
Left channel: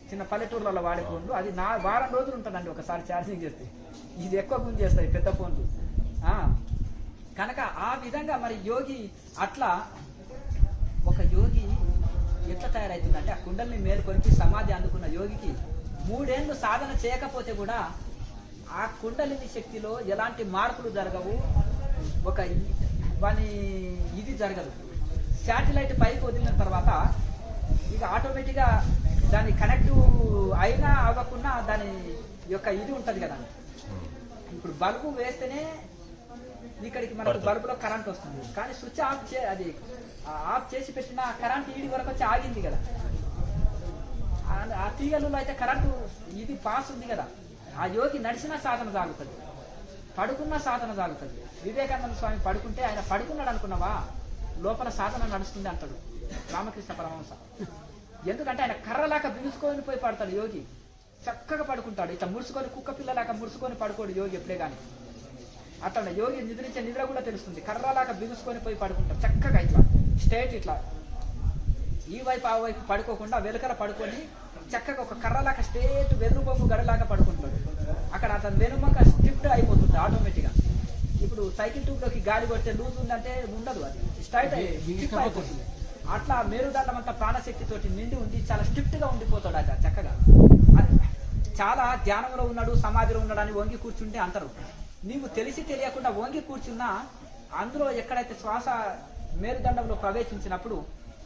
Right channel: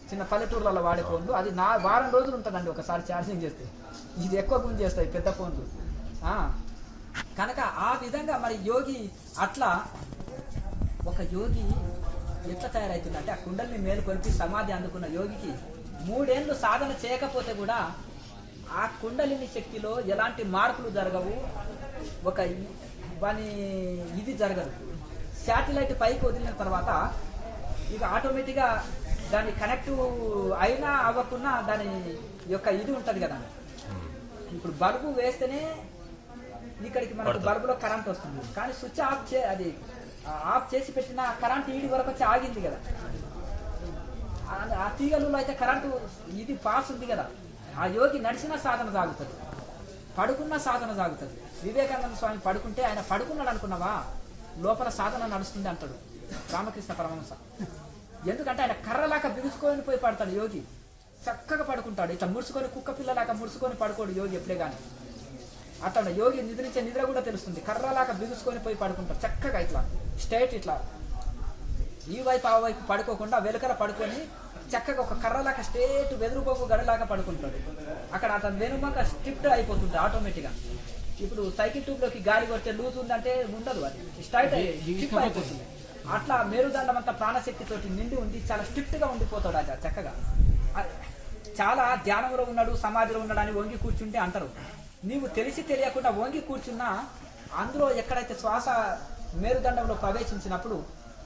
చిన్న పల్లెటూర్లలో వాడే ఫోన్లు, అది వారం రోజులు ఉంటుందండి ఒకసారి ఛార్జింగ్ చేస్తే. ఇది ఎక్కువ గురించి చేస్తాయి పెద్ద ఫోన్లు. కనుక ఆ విధంగా మరి యోగి అట్లా ఒక యోగి ఎట్లా తయారవుతుందంటే ఆ కుండల్ని మేలుకొలిపి సమాధి అందుకున్న యోగికి 3 ఏళ్ళు సాధన చేయకపోతే కూడా ఆ కుండలిని శక్తిలో ఎలాంటి మార్పులు జరగవు. ఒక ఇది జరగదు. శాటిలైట్ పైకి వదిలిన తర్వాత ఇక ఆటోమేటిక్గా దాని కనెక్ట్ అయినా అవ్వకుండా దాని యొక్క ఇది ఉంటుంది కదా. ఇప్పుడు బల్బు వేస్తేనే ఇక్కడికి మనకు బల్బులో కరెంట్ వస్తుంది, కానీ స్విచ్ ఆఫ్ చేసి పెట్టిన కరెంట్ ఈడి వరకు వచ్చి ఆగింది కదా. ఆ తీగలలో అయితే కరెంటు ఇది పాస్ ఉంది కదా. ఆ యోగి నడిచిన సాధన సాగుతుంది, పడుకున్న సాధన సాగుతుంది. వివేకానంద స్వామి పడుకుంటే ఆయన పడుకున్నాడు అనుకున్నావా, లోపల సాధన నడుస్తుంది అంటాడు రామకృష్ణ పరమహంస. ఎందుకంటే ఆయన కర్రలాగా బిగుసుకొని పోయి పడతాడు యోగి. చక్కగా పడుకుంటాడు, ఇట్లా ముడుచుకొని కుక్క పిల్లలాగా ముడుచుకొని పడుకోడు యోగి ఎప్పుడే కానీ. అట్లా యోగి నిద్రించే నిద్ర కూడా తెలుస్తుంది. కర్రలాగా బిగుసుకొని పోయి పడుకుంటాడు చక్కగా, ఇట్లా స్ట్రైట్ ఇట్లా ఈ వైపు ఆ వైపు పడుకోకుండా వెలుకర పడుకొని చక్కగా ఒక కర్రలాగా స్ట్రేట్ వెదురు బొమ్మ గడలాగా పడుకుంటాడు. అక్కడ అతను వెనుమక స్ట్రిప్ట్ అయిపోతుంది ఆటోమేటిక్గా. ఇప్పుడు సైకిల్ ట్యూబ్లోకి గాలి కొడితే లూజ్ ఉందంటే ఉండదు, అది స్ట్రైట్ అయిపోతుంది. అట్లా మేరుదండం అంతా ప్రాణశక్తితోటి నిండి ఉండి చాలా స్ట్రిక్ట్ గా ఉండిపోతాడు అది చక్కగా. చాలా ధ్యానంలో ఉన్నాడు సమాధిలో ఉన్నాడు అని వంగి కూర్చుంటే అంటారు. నీవు తెలిసి తెలియకుండా వంగి కూర్చున్నా అందులో ఎక్కడైతే శ్వాస మేరుదండంలో ప్రవేశించినప్పుడు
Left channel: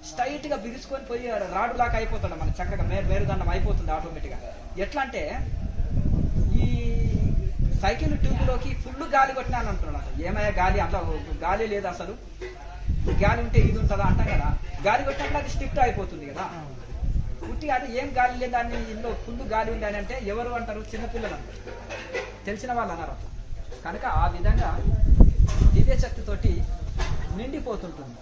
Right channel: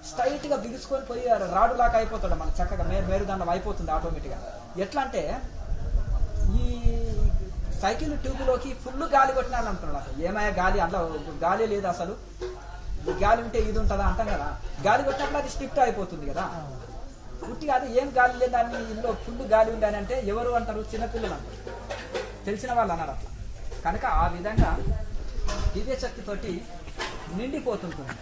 స్ట్రైట్ గా బిగుసుకొని పోయి రాడులాగా అయిపోతాడు మన చక్కగా మేరుదండం అయిపోతుంది ఆటోమేటిక్గా. ఎట్లా అంటే ఈ సైకిల్ ట్యూబ్లోకి ఫుల్ గాలి కొట్టినాను అంటున్నాడు. ఏమయ్యా గాలి, అందులో గాలి లేదు అసలు, గాలి ఉంటే ఇది ఉంటుందా అంటాం కదా. గాలి కొట్టినప్పుడు అది స్ట్రిక్ట్ అయిపోతుంది కదా. పుట్టి అది ఏం గాలి లేదు దాన్ని ఇందులో ఫుల్ గాలి ఉంది అని అంటే ఎవరు అంటారు, చిన్నపిల్లలు అంటారు, తెలిసిన వాళ్ళు అన్నారు. కనుక ఆ విధంగా దివ్యశక్తితోటి నిండిపోతుంటుంది.